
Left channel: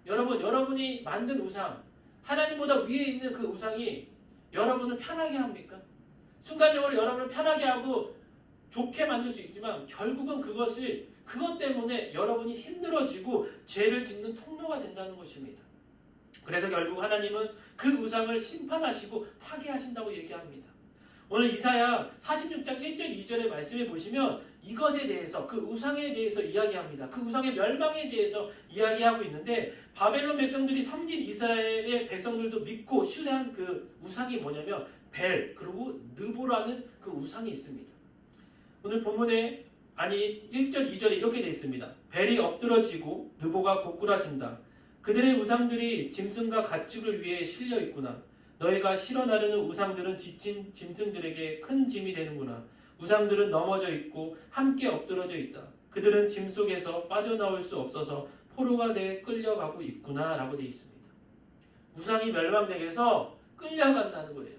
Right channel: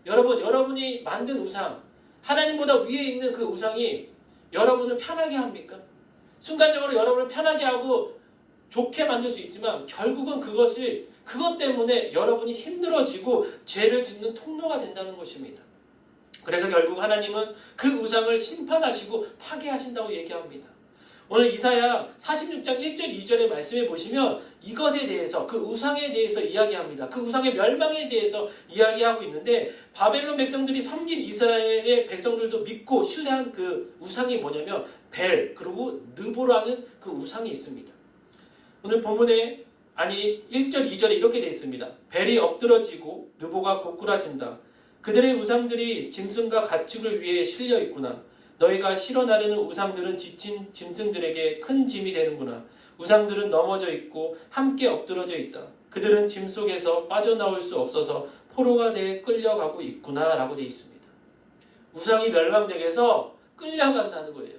여러분이 만든 우상, 하나님보다 위에 있는 그 우상이 여러분을 편하게 합니까? 순간적으로 여러분을 편하게 하고 좋게 만들 수 있지만 결국은 그것 때문에 여러분이 힘들어지고 죄를 짓는 통로가 된다는 것입니다. 그래서 결국 하나님은 그 우상을 심판하시고 파괴하신다고 얘기합니다. 오늘 이사야 46장 1절 2절의 말씀에 보시면 이것에 대해서, 그 우상에 대해서 이야기합니다. 그 우상의 멸망에 대해서 이야기하고 있는데 바벨론 백성들이 섬긴 이스라엘의 백성들도 믿고 신뢰한 그 우상이 뭐냐면 벨 그리고 느보라는 그 우상이 있습니다. 오늘 본문에 1절 2절에 이렇게 되어 있습니다. 벨이 엎드러지고 느보가 고꾸라진다. 그들의 우상들이 짐승과 가축을 위해 실려 있구나. 너희가 실어 나르는 우상들은 지친 짐승들에게 큰 짐이 되는구나. 우상들은 넘어져 있고 함께 엎드러져 있다. 그들은 짐 속에서 빠져나올 수 없어서 포로가 되어 끌려가고 있구나 라고 되어 있습니다. 우상이 멸망되게서 끌려간다는 거예요.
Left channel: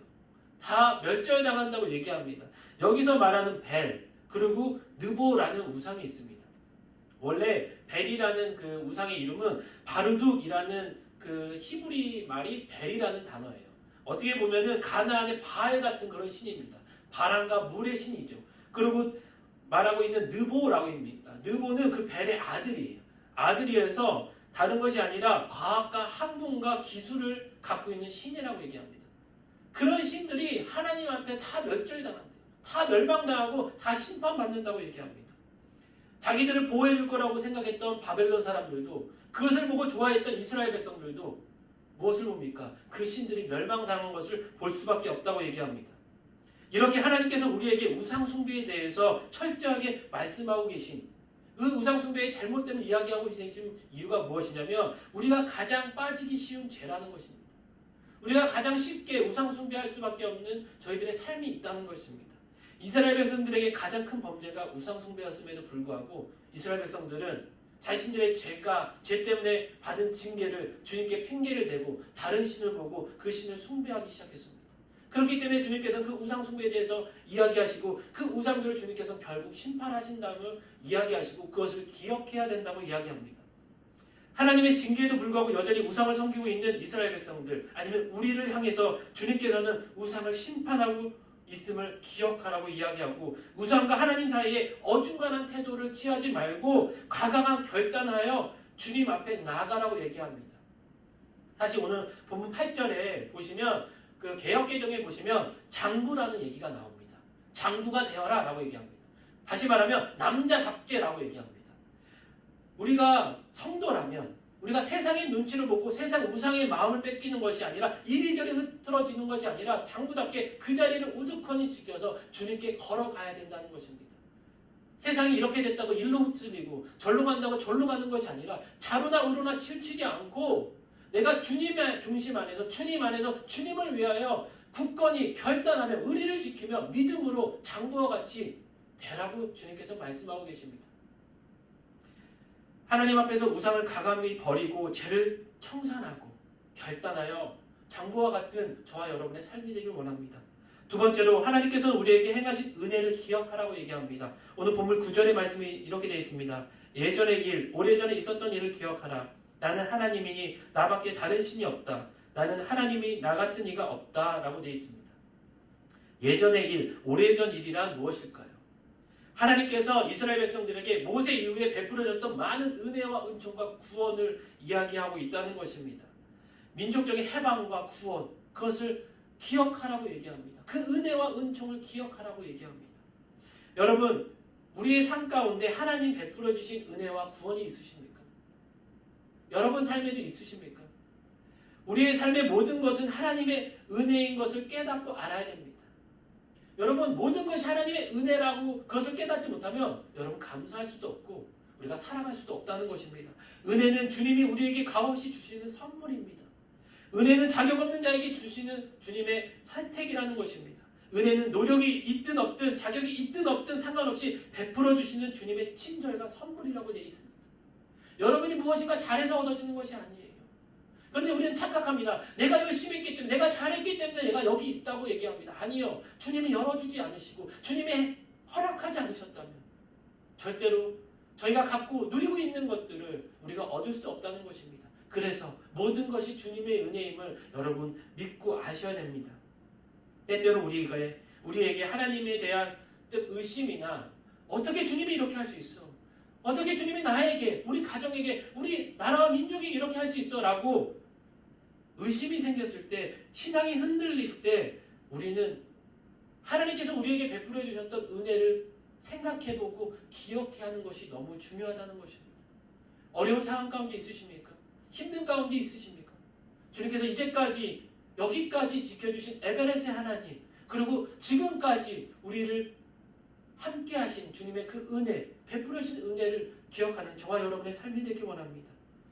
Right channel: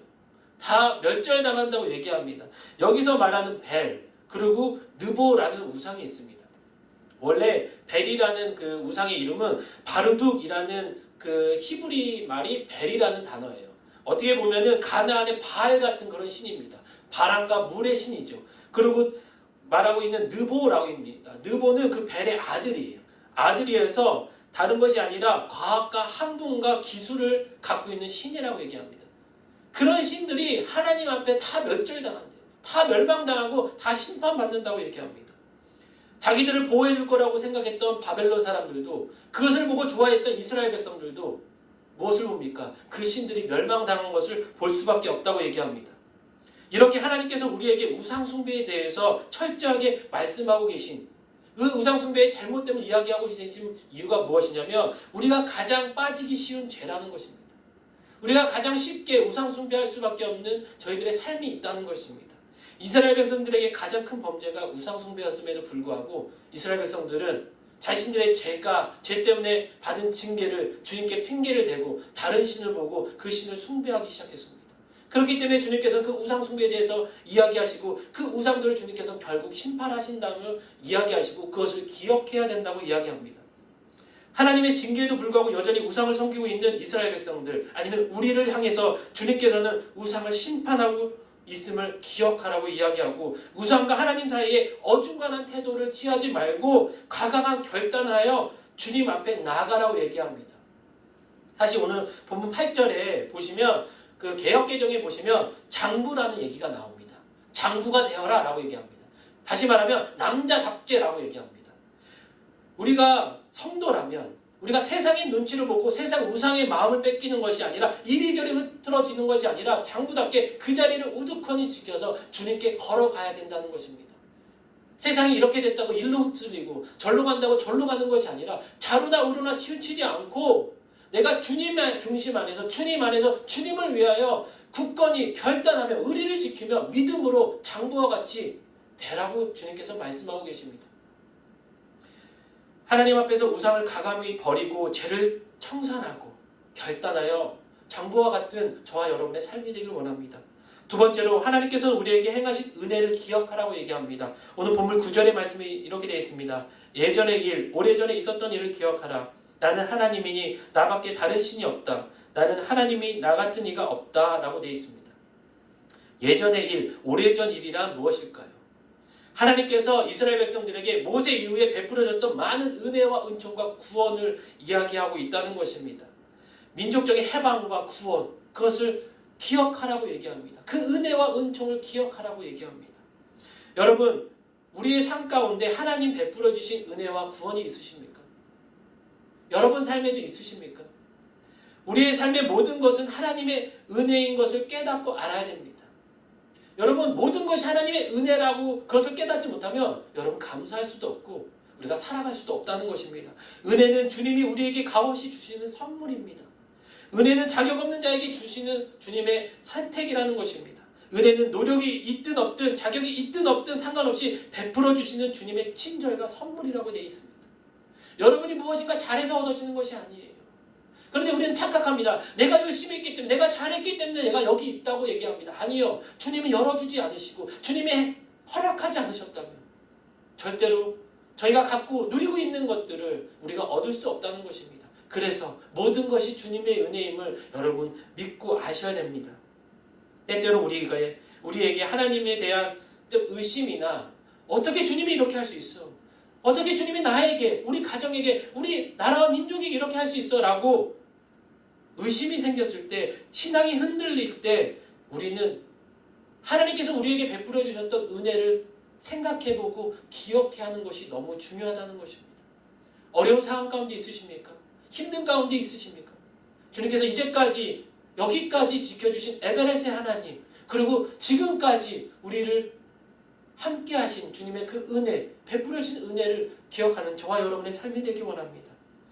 다 멸절당한다고 얘기합니다. 여기서 말하는 벨 그리고 느보라는 우상이 있습니다. 원래 벨이라는 그 우상의 이름은 바르둑이라는 그 히브리 말이 벨이라는 단어예요. 어떻게 보면은 가나안의 바알 같은 그런 신입니다. 바람과 물의 신이죠. 그리고 말하고 있는 느보라고 합니다. 느보는 그 벨의 아들이에요. 아들이어서 다른 것이 아니라 과학과 학문과 기술을 갖고 있는 신이라고 얘기합니다. 그런 신들이 하나님 앞에 다 멸절당한대요. 다 멸망당하고 다 심판받는다고 얘기합니다. 자기들을 보호해줄 거라고 생각했던 바벨론 사람들도 그것을 보고 좋아했던 이스라엘 백성들도 무엇을 봅니까? 그 신들이 멸망당한 것을 볼 수밖에 없다고 얘기합니다. 이렇게 하나님께서 우리에게 우상숭배에 대해서 철저하게 말씀하고 계신 그 우상숭배의 잘못됨을 이야기하고 계신 이유가 무엇이냐면 우리가 가장 빠지기 쉬운 죄라는 것입니다. 우리가 가장 쉽게 우상숭배할 수밖에 없는 저희들의 삶이 있다는 것입니다. 이스라엘 백성들에게 가장 큰 범죄가 우상숭배였음에도 불구하고 이스라엘 백성들은 자신들의 죄 때문에 받은 징계를 주님께 핑계를 대고 다른 신을 보고 그 신을 숭배하기 시작했습니다. 그렇기 때문에 주님께서는 그 우상숭배에 대해서 이야기하시고 그 우상들을 주님께서 결국 심판하신다며 이야기하시고 그것을 기억해야 된다고 이야기합니다. 하나님의 징계에도 불구하고 여전히 우상을 섬기고 있는 이스라엘 백성들 아니면 우리를 향해서 주님께서는 우상을 심판하고 있음을 기억하라고 이야기하고 우상과 하나님 사이에 어중간한 태도를 취하지 말고 과감한 결단하여 주님 앞에 나아가라고 얘기합니다. 사실 오늘 본문 8절에 보시면 그 개역개정에 보시면 장부라는 얘기가 나옵니다. 장부가 되어라 라고 얘기합니다. 다시 말하면 남자답게 라고 얘기합니다. 우리가 성도라면 우리가 세상의 눈치를 보고 세상 우상의 마음을 뺏기는 것이 아니라 이리저리 흐트러지는 것이 아니라 장부답게 그 자리를 우두커니 지켜서 주님께 걸어가야 된다는 것입니다. 세상이 이렇게 됐다고 일로 흩어지고 절로 간다고 절로 가는 것이 아니라 좌로나 우로나 치우치지 않고 내가 주님의 중심 안에서 주님 안에서 주님을 위하여 굳건히 결단하며 의리를 지키며 믿음으로 장부와 같이 되라고 주님께서 말씀하고 계십니다. 하나님 앞에서 우상을 가감히 버리고 죄를 청산하고 결단하여 장부와 같은 저와 여러분의 삶이 되길 원합니다. 두 번째로 하나님께서 우리에게 행하신 은혜를 기억하라고 얘기합니다. 오늘 본문 9절의 말씀이 이렇게 되어 있습니다. 예전의 일, 오래전에 있었던 일을 기억하라. 나는 하나님이니 나밖에 다른 신이 없다. 나는 하나님이 나 같은 이가 없다 라고 되어 있습니다. 예전의 일, 오래전 일이란 무엇일까요? 하나님께서 이스라엘 백성들에게 모세 이후에 베풀어졌던 많은 은혜와 은총과 구원을 이야기하고 있다는 것입니다. 민족적인 해방과 구원, 그것을 기억하라고 얘기합니다. 그 은혜와 은총을 기억하라고 얘기합니다. 여러분, 우리의 삶 가운데 하나님 베풀어 주신 은혜와 구원이 있으십니까? 여러분 삶에도 있으십니까? 우리의 삶의 모든 것은 하나님의 은혜인 것을 깨닫고 알아야 됩니다. 여러분, 모든 것이 하나님의 은혜라고 그것을 깨닫지 못하면 여러분 감사할 수도 없고 우리가 살아갈 수도 없다는 것입니다. 은혜는 주님이 우리에게 값없이 주시는 선물입니다. 은혜는 자격 없는 자에게 주시는 주님의 선택이라는 것입니다. 은혜는 노력이 있든 없든 자격이 있든 없든 상관없이 베풀어 주시는 주님의 친절과 선물이라고 되어 있습니다. 여러분이 무엇인가 잘해서 얻어지는 것이 아니에요. 그런데 우리는 착각합니다. 내가 열심히 했기 때문에, 내가 잘했기 때문에 내가 여기 있다고 얘기합니다. 아니요. 주님이 열어주지 않으시고 주님이 허락하지 않으셨다면 절대로 저희가 갖고 누리고 있는 것들을 우리가 얻을 수 없다는 것입니다. 그래서 모든 것이 주님의 은혜임을 여러분 믿고 아셔야 됩니다. 때때로 우리에게 하나님에 대한 의심이나 어떻게 주님이 이렇게 할 수 있어? 어떻게 주님이 나에게, 우리 가정에게, 우리 나라와 민족에게 이렇게 할 수 있어? 라고 의심이 생겼을 때, 신앙이 흔들릴 때 우리는 하나님께서 우리에게 베풀어 주셨던 은혜를 생각해보고 기억해 하는 것이 너무 중요하다는 것입니다. 어려운 상황 가운데 있으십니까? 힘든 가운데 있으십니까? 주님께서 이제까지 여기까지 지켜주신 에베네스의 하나님, 그리고 지금까지 우리를 함께 하신 주님의 그 은혜, 베풀어 주신 은혜를 기억하는 저와 여러분의 삶이 되기 원합니다.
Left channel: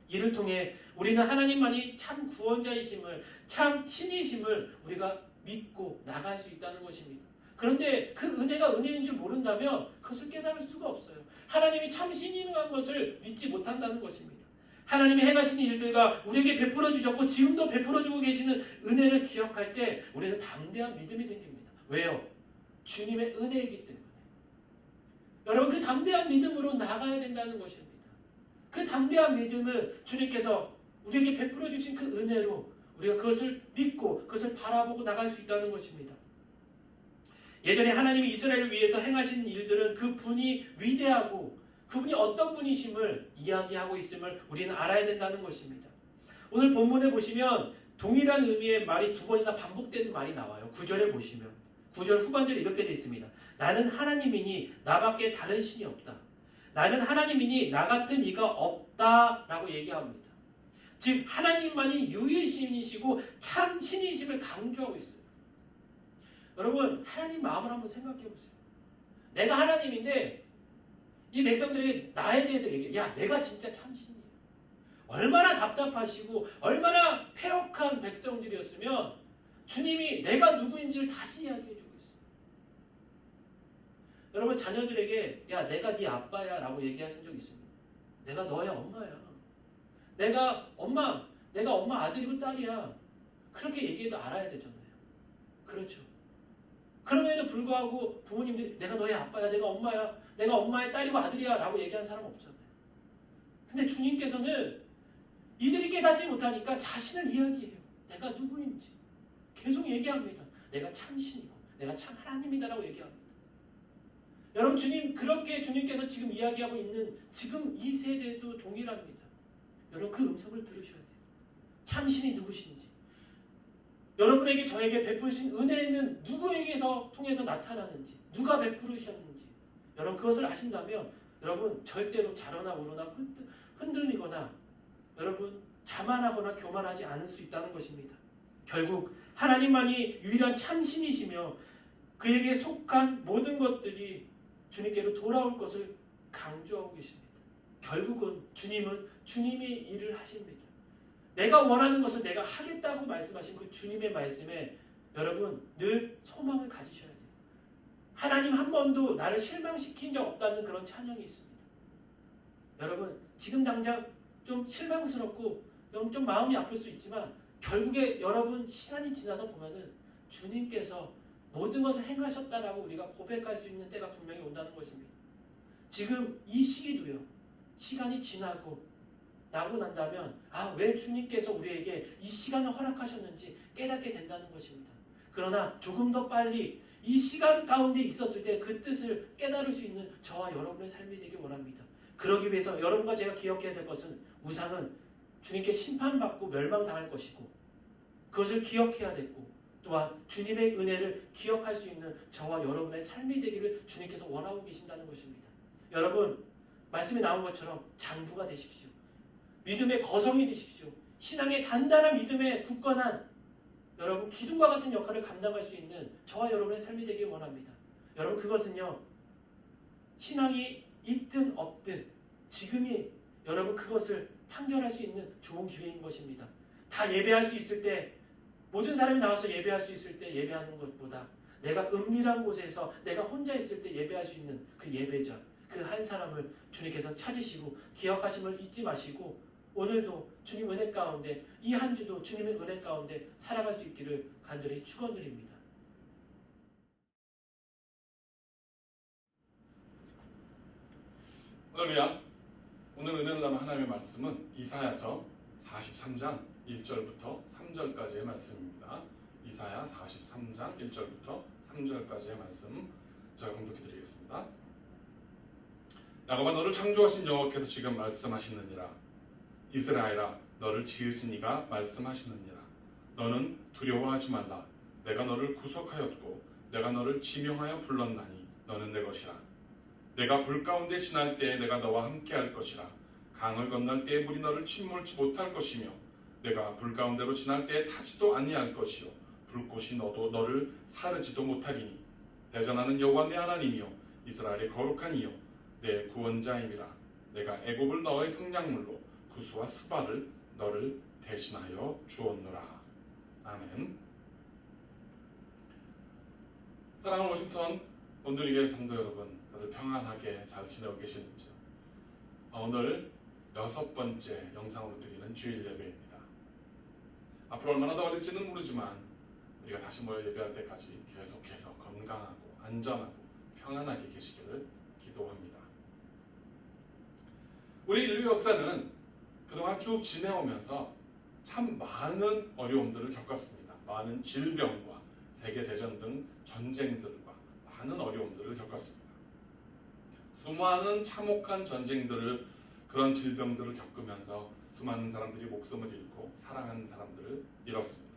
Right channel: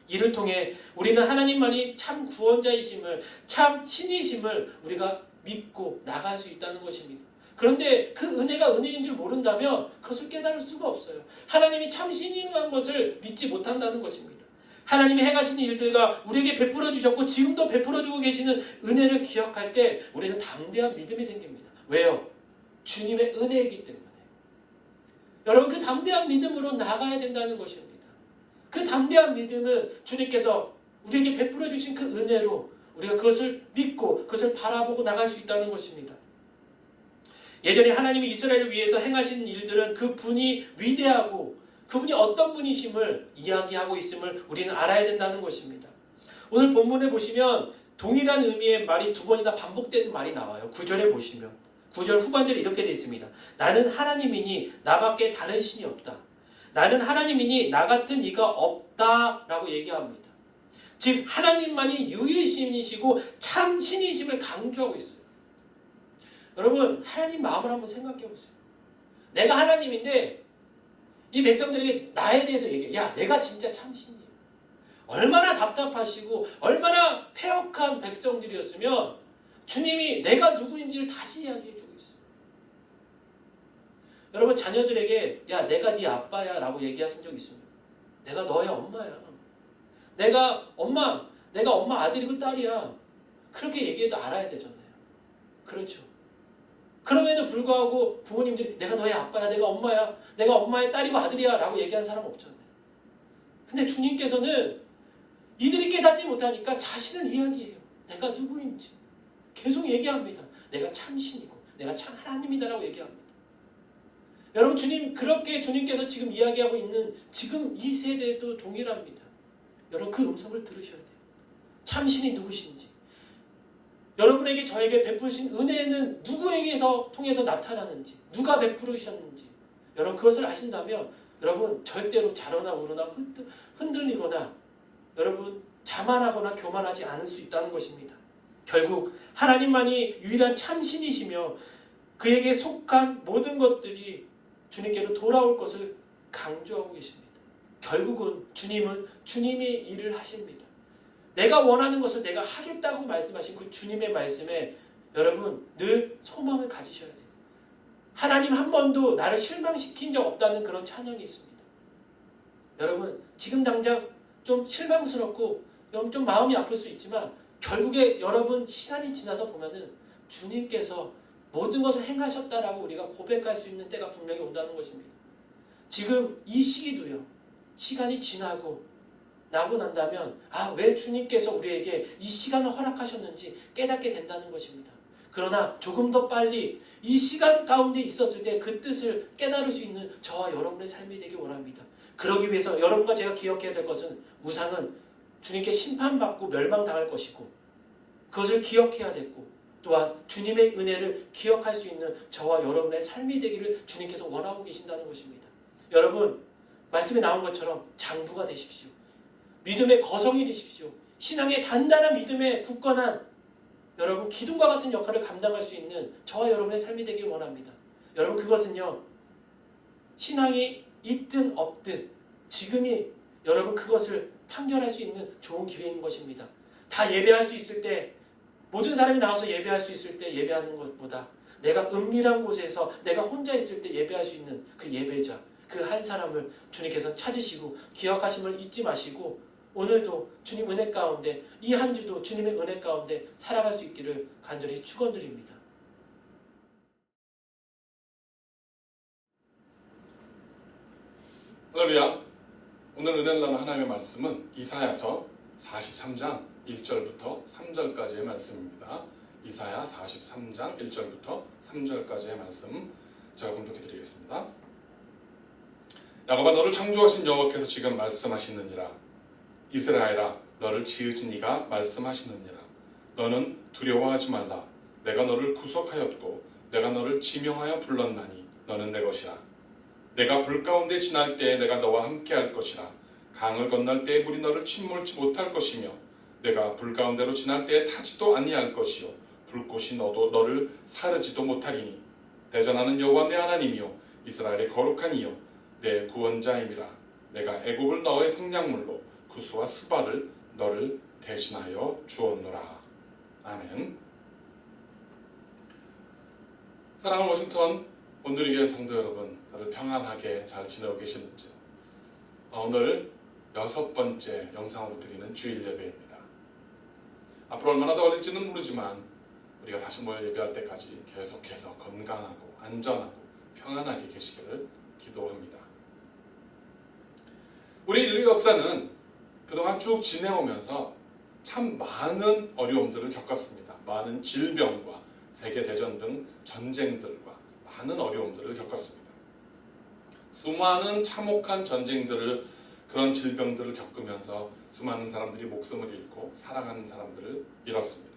이를 통해 우리는 하나님만이 참 구원자이심을, 참 신이심을 우리가 믿고 나갈 수 있다는 것입니다. 그런데 그 은혜가 은혜인 줄 모른다면 그것을 깨달을 수가 없어요. 하나님이 참 신인 것을 믿지 못한다는 것입니다. 하나님이 행하신 일들과 우리에게 베풀어 주셨고 지금도 베풀어 주고 계시는 은혜를 기억할 때 우리는 담대한 믿음이 생깁니다. 왜요? 주님의 은혜이기 때문에. 여러분, 그 담대한 믿음으로 나가야 된다는 것입니다. 그 담대한 믿음은 주님께서 우리에게 베풀어 주신 그 은혜로 우리가 그것을 믿고 그것을 바라보고 나갈 수 있다는 것입니다. 예전에 하나님이 이스라엘을 위해서 행하신 일들은 그 분이 위대하고 그분이 어떤 분이심을 이야기하고 있음을 우리는 알아야 된다는 것입니다. 오늘 본문에 보시면 동일한 의미의 말이 두 번이나 반복되는 말이 나와요. 9절에 보시면 9절 후반절에 이렇게 되어 있습니다. 나는 하나님이니 나밖에 다른 신이 없다. 나는 하나님이니 나 같은 이가 없다 라고 얘기합니다. 즉 하나님만이 유일신이시고 참 신이심을 강조하고 있어요. 여러분, 하나님 마음을 한번 생각해 보세요. 내가 하나님인데 이 백성들에게 나에 대해서 얘기해. 야, 내가 진짜 참 신이야. 얼마나 답답하시고 얼마나 패역한 백성들이었으면 주님이 내가 누구인지를 다시 이야기해 주고 있어요. 여러분, 자녀들에게 야, 내가 네 아빠야 라고 얘기하신 적 있습니까? 내가 너의 엄마야. 내가 엄마 아들이고 딸이야. 그렇게 얘기해도 알아야 되잖아요. 그렇죠. 그럼에도 불구하고 부모님들이 내가 너의 아빠야, 내가 엄마야, 내가 엄마의 딸이고 아들이야 라고 얘기하는 사람 없잖아요. 근데 주님께서는 이들이 깨닫지 못하니까 자신을 이야기해요. 내가 누구인지 계속 얘기합니다. 내가 참 신이고 내가 참 하나님이다 라고 얘기합니다. 여러분, 그렇게 주님께서 지금 이야기하고 있는 지금 이 세대도 동일합니다. 여러분, 그 음성을 들으셔야 돼요. 참 신이 누구신지, 여러분에게 저에게 베푸신 은혜는 누구에게서 통해서 나타나는지, 누가 베푸르셨는지 여러분 그것을 아신다면 여러분 절대로 자로나 우르나 흔들리거나 여러분 자만하거나 교만하지 않을 수 있다는 것입니다. 결국 하나님만이 유일한 참신이시며 그에게 속한 모든 것들이 주님께로 돌아올 것을 강조하고 계십니다. 결국은 주님은 주님이 일을 하십니다. 내가 원하는 것을 내가 하겠다고 말씀하신 그 주님의 말씀에 여러분 늘 소망을 가지셔야 돼요. 하나님 한 번도 나를 실망시킨 적 없다는 그런 찬양이 있습니다. 여러분 지금 당장 좀 실망스럽고 좀 마음이 아플 수 있지만 결국에 여러분 시간이 지나서 보면은 주님께서 모든 것을 행하셨다라고 우리가 고백할 수 있는 때가 분명히 온다는 것입니다. 지금 이 시기도요. 시간이 지나고 나고 난다면 왜 주님께서 우리에게 이 시간을 허락하셨는지 깨닫게 된다는 것입니다. 그러나 조금 더 빨리 이 시간 가운데 있었을 때 그 뜻을 깨달을 수 있는 저와 여러분의 삶이 되길 원합니다. 그러기 위해서 여러분과 제가 기억해야 될 것은 우상은 주님께 심판받고 멸망당할 것이고 그것을 기억해야 되고 또한 주님의 은혜를 기억할 수 있는 저와 여러분의 삶이 되기를 주님께서 원하고 계신다는 것입니다. 여러분 말씀에 나온 것처럼 장부가 되십시오. 믿음의 거성이 되십시오. 신앙의 단단한 믿음에 굳건한 여러분 기둥과 같은 역할을 감당할 수 있는 저와 여러분의 삶이 되길 원합니다. 여러분 그것은요. 신앙이 있든 없든 지금이 여러분 그것을 판결할 수 있는 좋은 기회인 것입니다. 다 예배할 수 있을 때 모든 사람이 나와서 예배할 수 있을 때 예배하는 것보다 내가 은밀한 곳에서 내가 혼자 있을 때 예배할 수 있는 그 예배자 그 한 사람을 주님께서 찾으시고 기억하심을 잊지 마시고 오늘도 주님 은혜 가운데 이 한 주도 주님의 은혜 가운데 살아갈 수 있기를 간절히 축원드립니다. 할렐루야. 오늘 은혜를 나눈 하나님의 말씀은 이사야서 43장 1절부터 3절까지의 말씀입니다. 이사야 43장 1절부터 3절까지의 말씀 제가 봉독해 드리겠습니다. 야곱아 너를 창조하신 여호와께서 지금 말씀하시느니라. 이스라엘아 너를 지으신 이가 말씀하시느니라. 너는 두려워하지 말라. 내가 너를 구속하였고 내가 너를 지명하여 불렀나니 너는 내 것이라. 내가 불 가운데 지날 때에 내가 너와 함께 할 것이라. 강을 건널 때에 물이 너를 침몰치 못할 것이며 내가 불 가운데로 지날 때에 타지도 아니할 것이요 불꽃이 너를 사르지도 못하리니 대전하는 여호와 내 하나님이요 이스라엘의 거룩한 이요 내 구원자임이라. 내가 애굽을 너의 성량물로 구스와 스바를 너를 대신하여 주었노라. 아멘. 사랑하는 워싱턴 온누리교회 성도 여러분, 다들 평안하게 잘 지내고 계시는지요? 오늘 6번째 영상으로 드리는 주일 예배입니다. 앞으로 얼마나 더 걸릴지는 모르지만 우리가 다시 모여 예배할 때까지 계속해서 건강하고 안전하고 평안하게 계시기를 기도합니다. 우리 인류 역사는 그동안 쭉 지내오면서 참 많은 어려움들을 겪었습니다. 많은 질병과 세계대전 등 전쟁들과 많은 어려움들을 겪었습니다. 수많은 참혹한 전쟁들을 그런 질병들을 겪으면서 수많은 사람들이 목숨을 잃고 살아가는 사람들을 잃었습니다.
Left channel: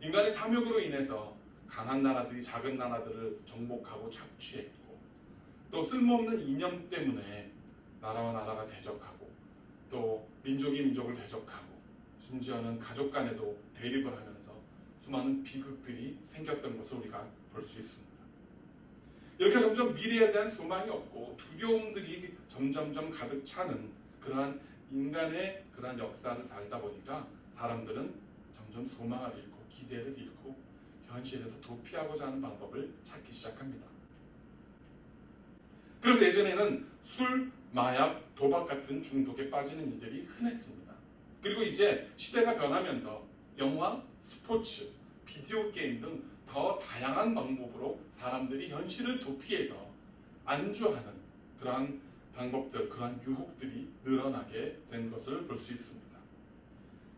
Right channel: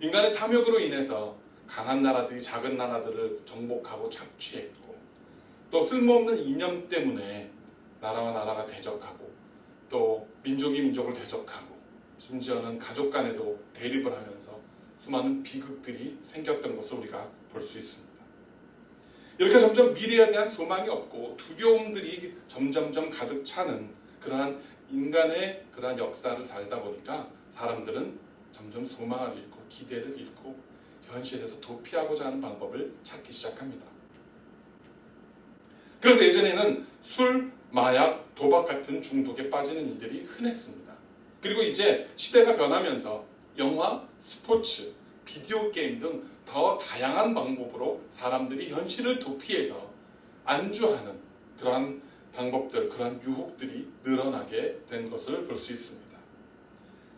인간의 탐욕으로 인해서 강한 나라들이 작은 나라들을 정복하고 착취했고 또 쓸모없는 이념 때문에 나라와 나라가 대적하고 또 민족이 민족을 대적하고 심지어는 가족 간에도 대립을 하면서 수많은 비극들이 생겼던 것을 우리가 볼 수 있습니다. 이렇게 점점 미래에 대한 소망이 없고 두려움들이 점점점 가득 차는 그러한 인간의 그러한 역사를 살다 보니까 사람들은 점점 소망을 잃고 기대를 잃고 현실에서 도피하고자 하는 방법을 찾기 시작합니다. 그래서 예전에는 술, 마약, 도박 같은 중독에 빠지는 일들이 흔했습니다. 그리고 이제 시대가 변하면서 영화, 스포츠, 비디오 게임 등 더 다양한 방법으로 사람들이 현실을 도피해서 안주하는 그러한 방법들, 그러한 유혹들이 늘어나게 된 것을 볼 수 있습니다.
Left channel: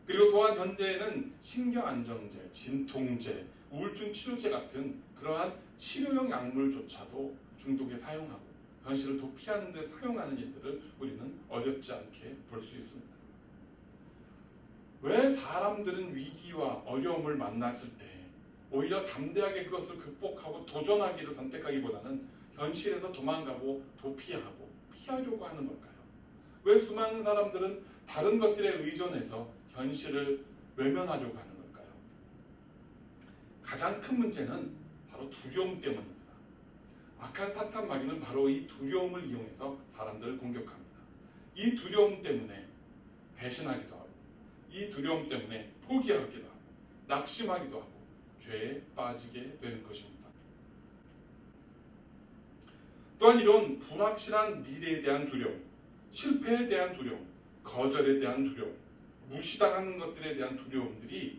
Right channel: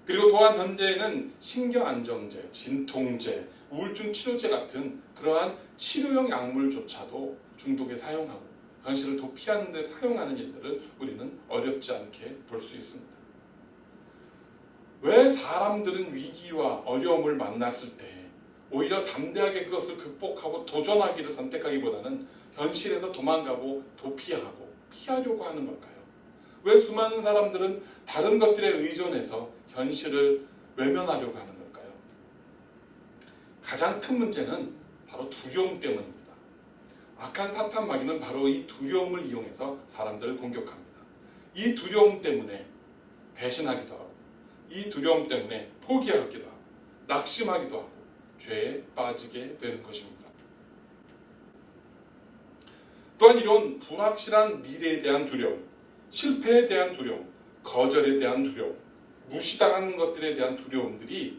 그리고 또한 현대에는 신경안정제, 진통제, 우울증 치료제 같은 그러한 치료용 약물조차도 중독에 사용하고 현실을 도피하는 데 사용하는 일들을 우리는 어렵지 않게 볼 수 있습니다. 왜 사람들은 위기와 어려움을 만났을 때 오히려 담대하게 그것을 극복하고 도전하기를 선택하기보다는 현실에서 도망가고 도피하고 피하려고 하는 걸까요? 왜 수많은 사람들은 다른 것들에 의존해서 현실을 외면하려고 하는 걸까요? 가장 큰 문제는 바로 두려움 때문입니다. 악한 사탄 마귀는 바로 이 두려움을 이용해서 사람들을 공격합니다. 이 두려움 때문에 배신하기도 하고, 이 두려움 때문에 포기하기도 하고, 낙심하기도 하고, 죄에 빠지게 되는 것입니다. 또한 이런 불확실한 미래에 대한 두려움, 실패에 대한 두려움, 거절에 대한 두려움, 무시당하는 것들에 대한 두려움들이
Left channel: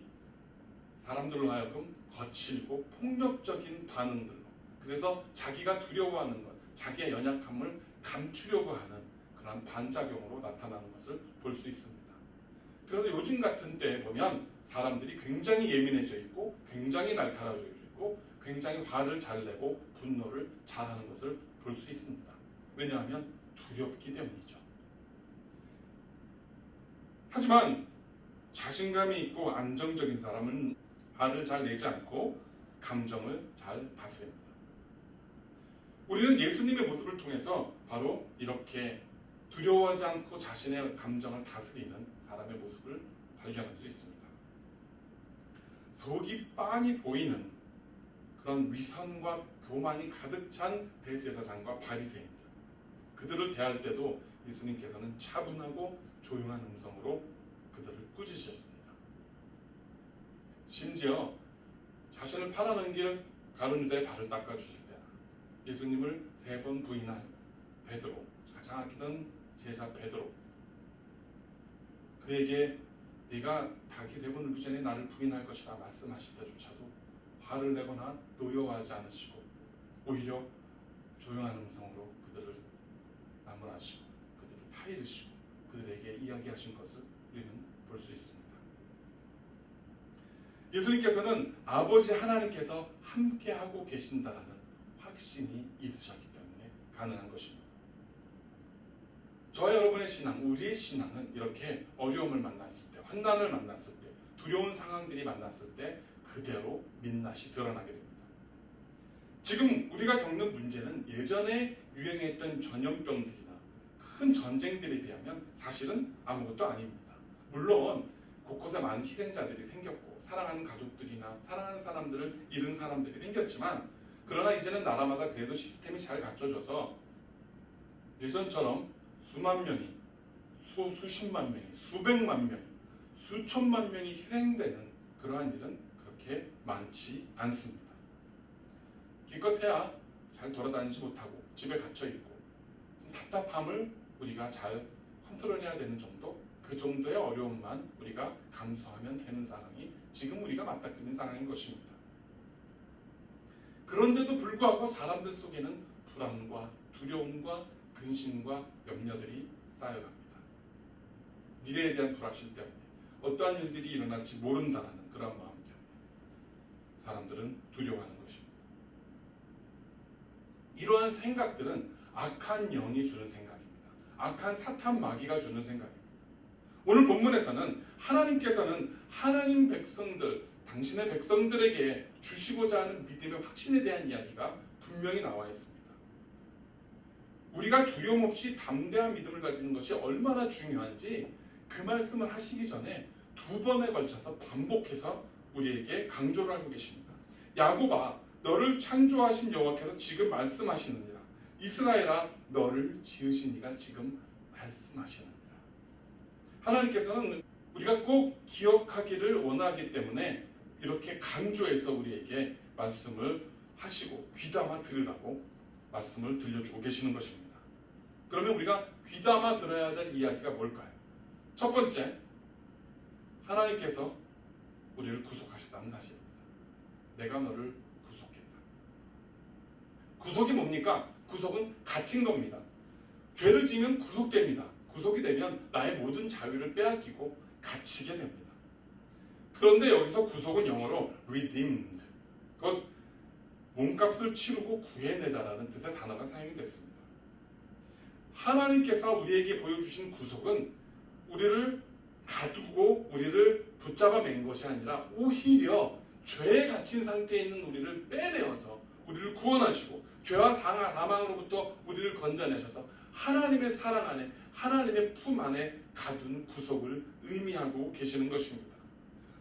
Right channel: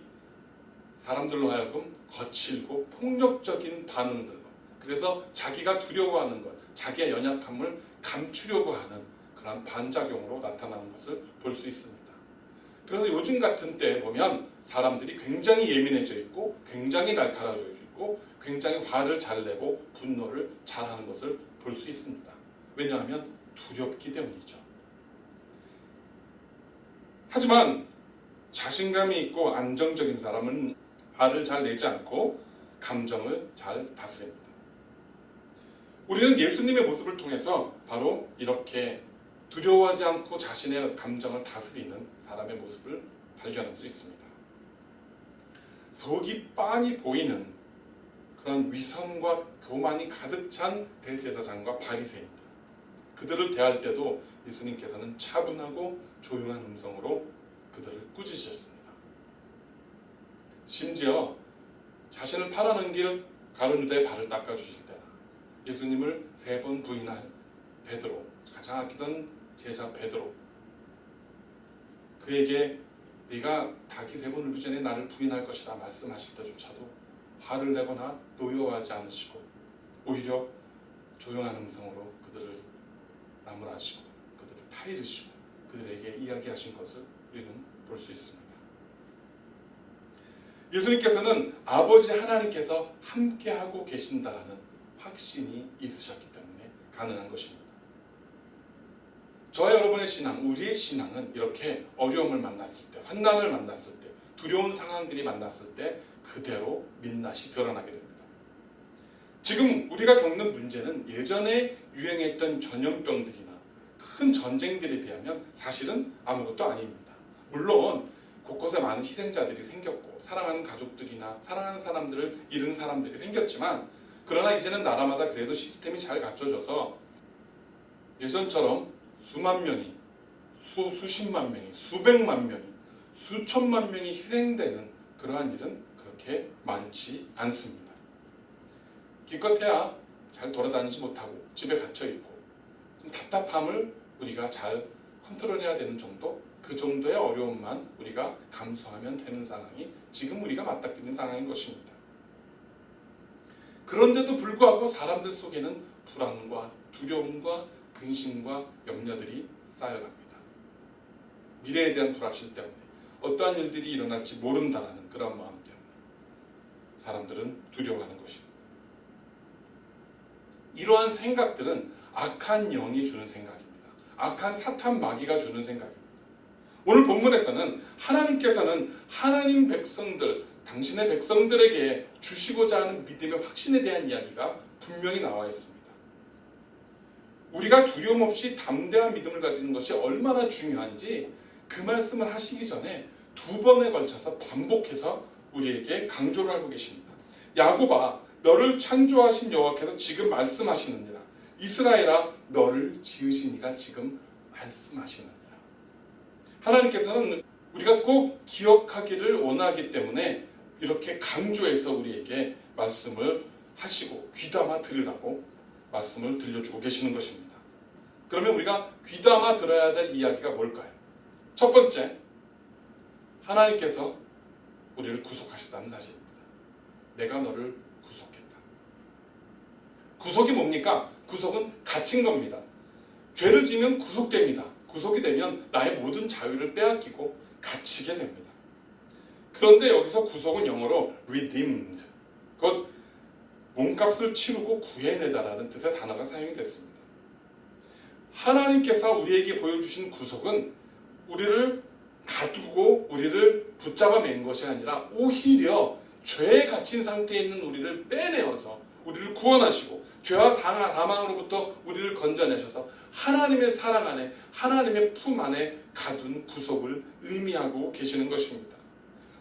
사람들로 하여금 거칠고 폭력적인 반응들로, 그래서 자기가 두려워하는 것, 자기의 연약함을 감추려고 하는 그런 반작용으로 나타나는 것을 볼 수 있습니다. 그래서 요즘 같은 때에 보면 사람들이 굉장히 예민해져 있고, 굉장히 날카로워져 있고, 굉장히 화를 잘 내고 분노를 잘하는 것을 볼 수 있습니다. 왜냐하면 두렵기 때문이죠. 하지만 자신감이 있고 안정적인 사람은 화를 잘 내지 않고 감정을 잘 다스립니다. 우리는 예수님의 모습을 통해서 바로 이렇게 두려워하지 않고 자신의 감정을 다스리는 사람의 모습을 발견할 수 있습니다. 속이 빤히 보이는 그런 위선과 교만이 가득 찬 대제사장과 바리새인들, 그들을 대할 때도 예수님께서는 차분하고 조용한 음성으로 그들을 꾸짖으셨습니다. 심지어 자신을 팔아넘길 가룟 유다의 발을 닦아주실 때나 예수님을 3번 부인한 베드로, 가장 아끼던 제자 베드로, 그에게 네가 닭이 3번 울기 전에 나를 부인할 것이다 말씀하실 때조차도 화를 내거나 노여워하지 않으시고 오히려 조용한 음성으로 그들을 나무라시고 그들을 타이르시고 그들에게 이야기하신 것을 우리는 볼 수 있습니다. 예수님께서는 아버지 하나님께서 함께하고 계신다라는 확신이 있으셨기 때문에 가능한 것입니다. 저와 여러분의 신앙, 우리의 신앙은 이렇게 어려움을 만났을 때, 환난을 만났을 때, 두려운 상황들이 만났을 때 그대로 민낯이 드러나게 됩니다. 지금 우리가 겪는 문제는 예전에 유행했던 전염병들이나 큰 전쟁들에 비하면 사실은 아무것도 아닙니다. 물론 곳곳에 많은 희생자들이 생겼고 사랑하는 가족들이나 사랑하는 사람들을 잃은 사람들이 생겼지만, 그러나 이제는 나라마다 그래도 시스템이 잘 갖춰져서 예전처럼 수만 명이, 수십만 명이, 수백만 명이, 수천만 명이 희생되는 그러한 일은 그렇게 많지 않습니다. 기껏해야 잘 돌아다니지 못하고 집에 갇혀있고 좀 답답함을 우리가 잘 컨트롤해야 되는 정도, 그 정도의 어려움만 우리가 감수하면 되는 상황이 지금 우리가 맞닥뜨리는 상황인 것입니다. 그런데도 불구하고 사람들 속에는 불안과 두려움과 근심과 염려들이 쌓여갑니다. 미래에 대한 불확실 때문에, 어떠한 일들이 일어날지 모른다라는 그런 마음 때문에 사람들은 두려워하는 것입니다. 이러한 생각들은 악한 영이 주는 생각입니다. 악한 사탄 마귀가 주는 생각입니다. 오늘 본문에서는 하나님께서는 하나님 백성들, 당신의 백성들에게 주시고자 하는 믿음의 확신에 대한 이야기가 분명히 나와 있습니다. 우리가 두려움 없이 담대한 믿음을 가지는 것이 얼마나 중요한지 그 말씀을 하시기 전에 2번에 걸쳐서 반복해서 우리에게 강조를 하고 계십니다. 야곱아, 너를 창조하신 여호와께서 지금 말씀하시느니라. 이스라엘아, 너를 지으신 이가 지금 말씀하시느니라. 하나님께서는 우리가 꼭 기억하기를 원하기 때문에 이렇게 강조해서 우리에게 말씀을 하시고 귀담아 들으라고 말씀을 들려주고 계시는 것입니다. 그러면 우리가 귀담아 들어야 될 이야기가 뭘까요? 첫 번째, 하나님께서 우리를 구속하셨다는 사실입니다. 내가 너를 구속했다. 구속이 뭡니까? 구속은 갇힌 겁니다. 죄를 지으면 구속됩니다. 구속이 되면 나의 모든 자유를 빼앗기고 갇히게 됩니다. 그런데 여기서 구속은 영어로 redeemed, 곧 몸값을 치르고 구해내다라는 뜻의 단어가 사용이 됐습니다. 하나님께서 우리에게 보여주신 구속은 우리를 가두고 우리를 붙잡아 맨 것이 아니라 오히려 죄에 갇힌 상태에 있는 우리를 빼내어서 우리를 구원하시고 죄와 사망으로부터 우리를 건져내셔서 하나님의 사랑 안에, 하나님의 품 안에 가둔 구속을 의미하고 계시는 것입니다.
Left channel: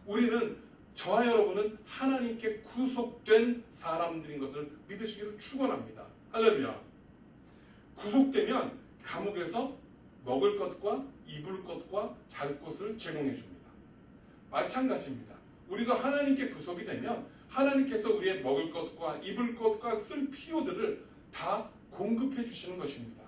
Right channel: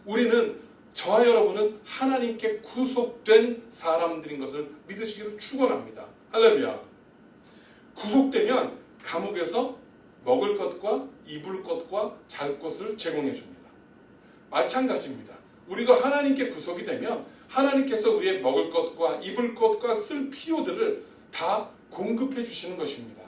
우리는, 저와 여러분은 하나님께 구속된 사람들인 것을 믿으시기를 축원합니다. 할렐루야. 구속되면 감옥에서 먹을 것과 입을 것과 잘 것을 제공해 줍니다. 마찬가지입니다. 우리도 하나님께 구속이 되면 하나님께서 우리의 먹을 것과 입을 것과 쓸 필요들을 다 공급해 주시는 것입니다.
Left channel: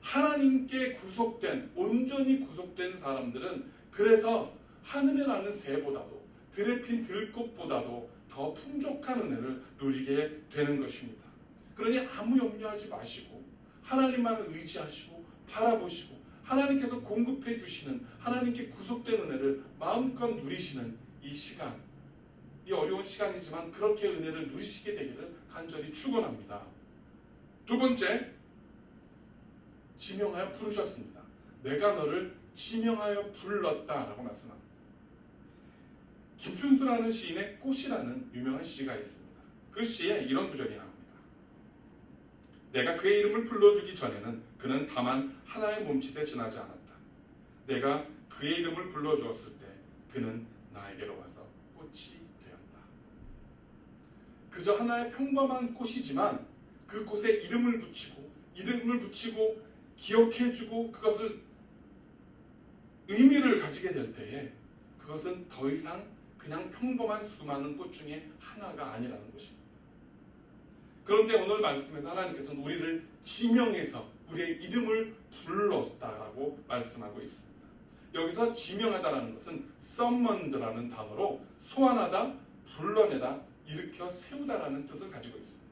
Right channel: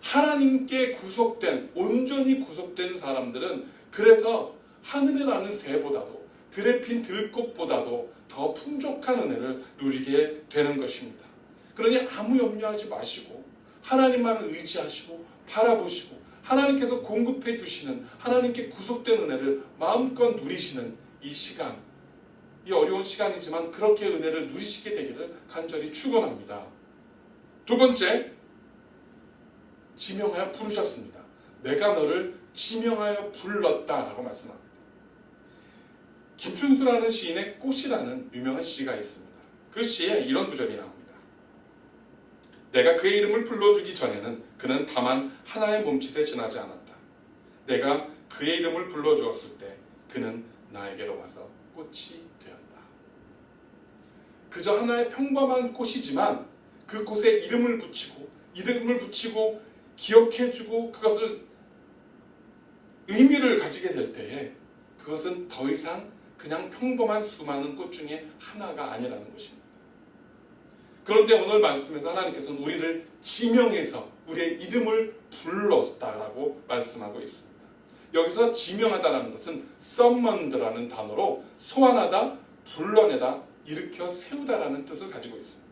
하나님께 구속된, 온전히 구속된 사람들은 그래서 하늘에 나는 새보다도 들에 핀 들꽃보다도 더 풍족한 은혜를 누리게 되는 것입니다. 그러니 아무 염려하지 마시고 하나님만을 의지하시고 바라보시고 하나님께서 공급해 주시는, 하나님께 구속된 은혜를 마음껏 누리시는 이 시간, 이 어려운 시간이지만 그렇게 은혜를 누리시게 되기를 간절히 축원합니다. 두 번째, 지명하여 부르셨습니다. 내가 너를 지명하여 불렀다라고 말씀합니다. 김춘수라는 시인의 꽃이라는 유명한 시가 있습니다. 그 시에 이런 구절이 나옵니다. 내가 그의 이름을 불러주기 전에는 그는 다만 하나의 몸짓에 지나지 않았다. 내가 그의 이름을 불러주었을 때 그는 나에게로 와서 꽃이 되었다. 그저 하나의 평범한 꽃이지만 그 꽃에 이름을 붙이고 기억해주고 그것을 의미를 가지게 될 때에 그것은 더 이상 그냥 평범한 수많은 꽃 중에 하나가 아니라는 것입니다. 그런데 오늘 말씀에서 하나님께서는 우리를 지명해서 우리의 이름을 불렀다라고 말씀하고 있습니다. 여기서 지명하다라는 것은 summoned라는 단어로 소환하다, 불러내다, 일으켜 세우다라는 뜻을 가지고 있습니다.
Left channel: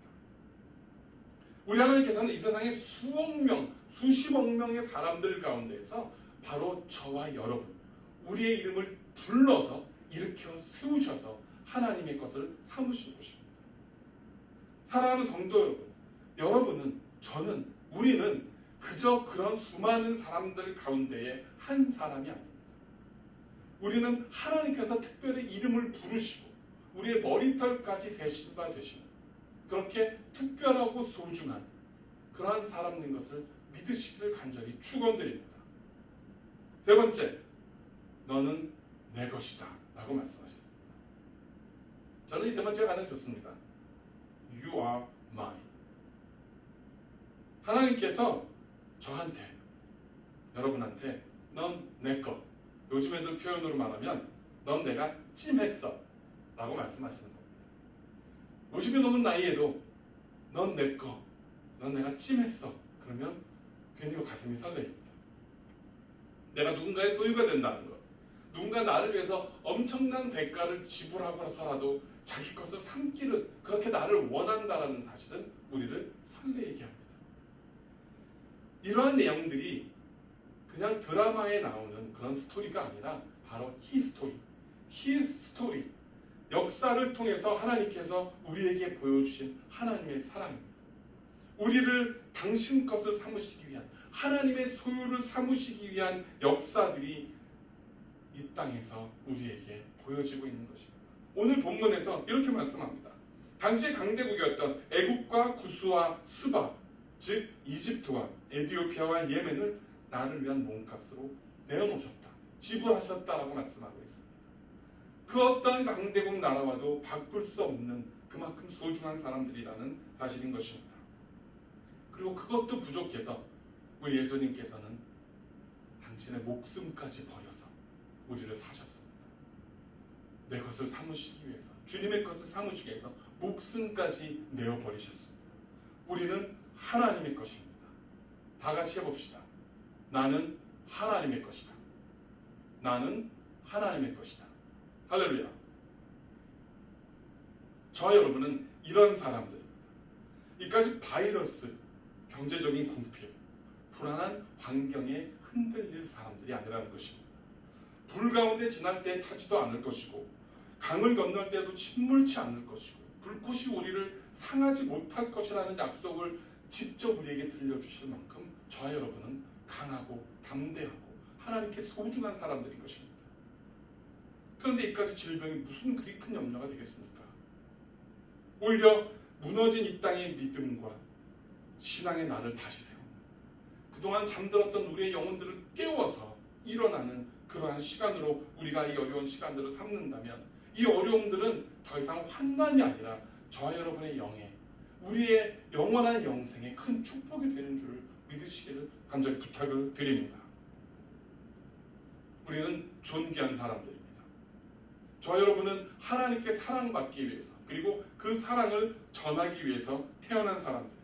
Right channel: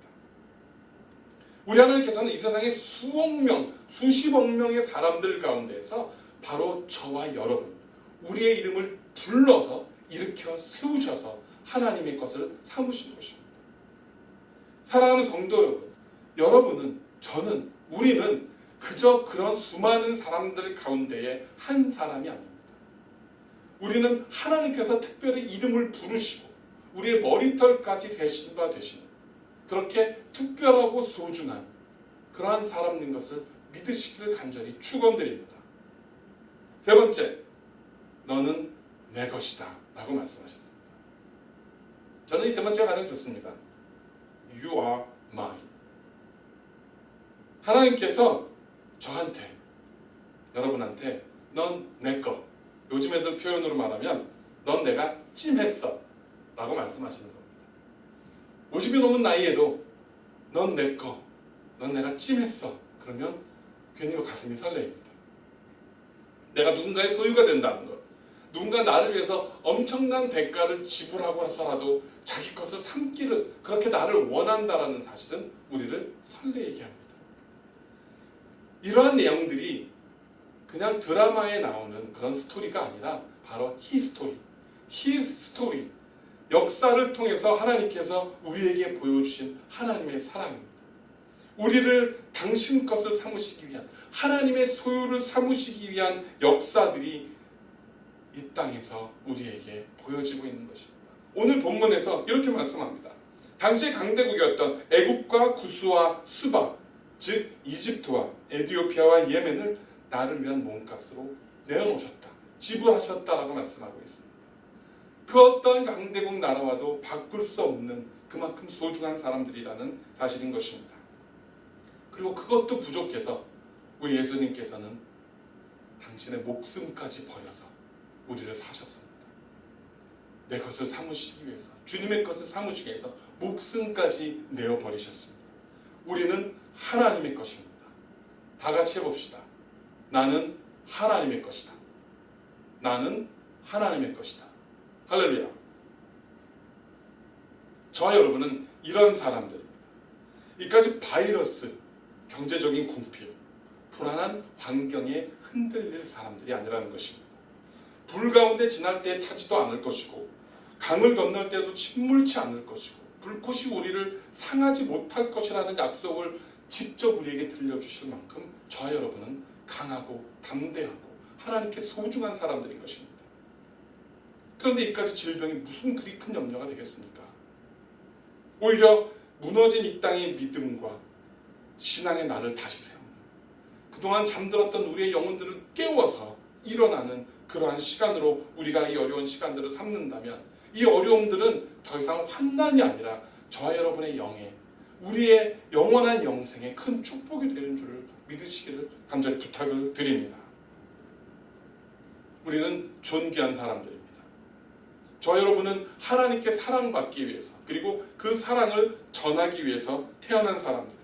우리 하나님께서는 이 세상의 수억 명, 수십억 명의 사람들 가운데에서 바로 저와 여러분, 우리의 이름을 불러서 일으켜 세우셔서 하나님의 것을 삼으신 것입니다. 사랑하는 성도 여러분, 저는, 우리는 그저 그런 수많은 사람들 가운데의 한 사람이 아닙니다. 우리는 하나님께서 특별히 이름을 부르시고 우리의 머리털까지 세신 바 되시는 그렇게 특별하고 소중한 그러한 사람인 것을 믿으시기를 간절히 축원드립니다. 세 번째, 너는 내 것이다 라고 말씀하셨습니다. 저는 이 세 번째가 가장 좋습니다. You are mine. 하나님께서 저한테, 여러분한테 넌 내 거, 요즘 애들 표현으로 말하면 넌 내가 찜했어 라고 말씀하시는 겁니다. 50이 넘은 나이에도 넌 내 거, 넌 내가 찜했어. 그러면 괜히 가슴이 설레입니다. 내가 누군가의 소유가 된다는 것, 누군가 나를 위해서 엄청난 대가를 지불하고 나서라도 자기 것을 삼기를, 그렇게 나를 원한다라는 사실은 우리를 설레게 합니다. 이러한 내용들이 그냥 드라마에 나오는 그런 스토리가 아니라 바로 히스토리, 히스토리, 역사를 통해서 하나님께서 우리에게 보여주신 하나님의 사랑입니다. 우리를 당신 것을 삼으시기 위한, 하나님의 소유를 삼으시기 위한 역사들이 이 땅에서 우리에게 보여지고 있는 것입니다. 오늘 본문에서 이렇게 말씀합니다. 당시 강대국이었던 애국과 구스와 스바, 즉 이집트와 에티오피아와 예멘을 나를 위한 몸값으로 내어놓으셨다, 지불하셨다라고 말씀하고 있습니다. 그 어떤 강대국 나라와도 바꿀 수 없는 그만큼 소중한 사람들이라는 사실인 것입니다. 그리고 그것도 부족해서 우리 예수님께서는 당신의 목숨까지 버려서 우리를 사셨습니다. 내 것을 삼으시기 위해서, 주님의 것을 삼으시기 위해서 목숨까지 내어버리셨습니다. 우리는 하나님의 것입니다. 다 같이 해봅시다. 나는 하나님의 것이다. 나는 하나님의 것이다. 할렐루야. 저와 여러분은 이런 사람들입니다. 이까지 바이러스, 경제적인 궁핍, 불안한 환경에 흔들릴 사람들이 아니라는 것입니다. 불 가운데 지날 때 타지도 않을 것이고, 강을 건널 때도 침몰치 않을 것이고, 불꽃이 우리를 상하지 못할 것이라는 약속을 직접 우리에게 들려주실 만큼 저와 여러분은 강하고 담대하고 하나님께 소중한 사람들인 것입니다. 그런데 이까지 질병이 무슨 그리 큰 염려가 되겠습니까? 오히려 무너진 이 땅의 믿음과 신앙의 날을 다시 세우는, 그동안 잠들었던 우리의 영혼들을 깨워서 일어나는 그러한 시간으로 우리가 이 어려운 시간들을 삼는다면 이 어려움들은 더 이상 환난이 아니라 저와 여러분의 영에 우리의 영원한 영생에 큰 축복이 되는 줄을 믿으시기를 간절히 부탁을 드립니다. 우리는 존귀한 사람들입니다. 저 여러분은 하나님께 사랑받기 위해서 그리고 그 사랑을 전하기 위해서 태어난 사람들입니다.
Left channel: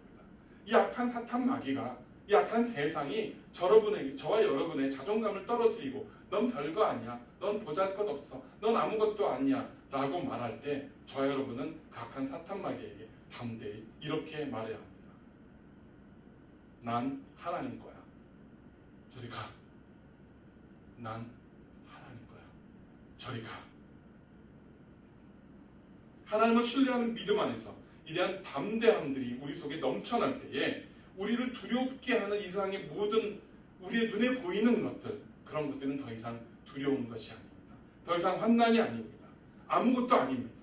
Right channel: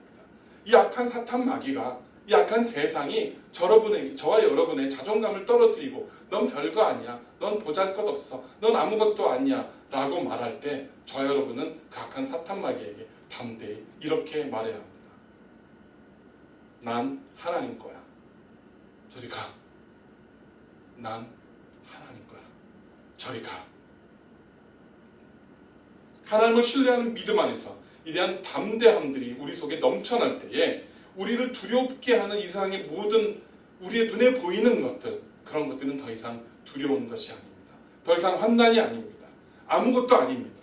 이 악한 사탄 마귀가 이 악한 세상이 저와 여러분의 자존감을 떨어뜨리고 넌 별거 아니야, 넌 보잘것없어, 넌 아무것도 아니야 라고 말할 때 저와 여러분은 그 악한 사탄 마귀에게 담대히 이렇게 말해야 합니다. 난 하나님 거야. 저리 가. 난 하나님 거야. 저리 가. 하나님을 신뢰하는 믿음 안에서 이러한 담대함들이 우리 속에 넘쳐날 때에 우리를 두렵게 하는 이 세상의 모든 우리의 눈에 보이는 것들, 그런 것들은 더 이상 두려운 것이 아닙니다. 더 이상 환난이 아닙니다. 아무것도 아닙니다.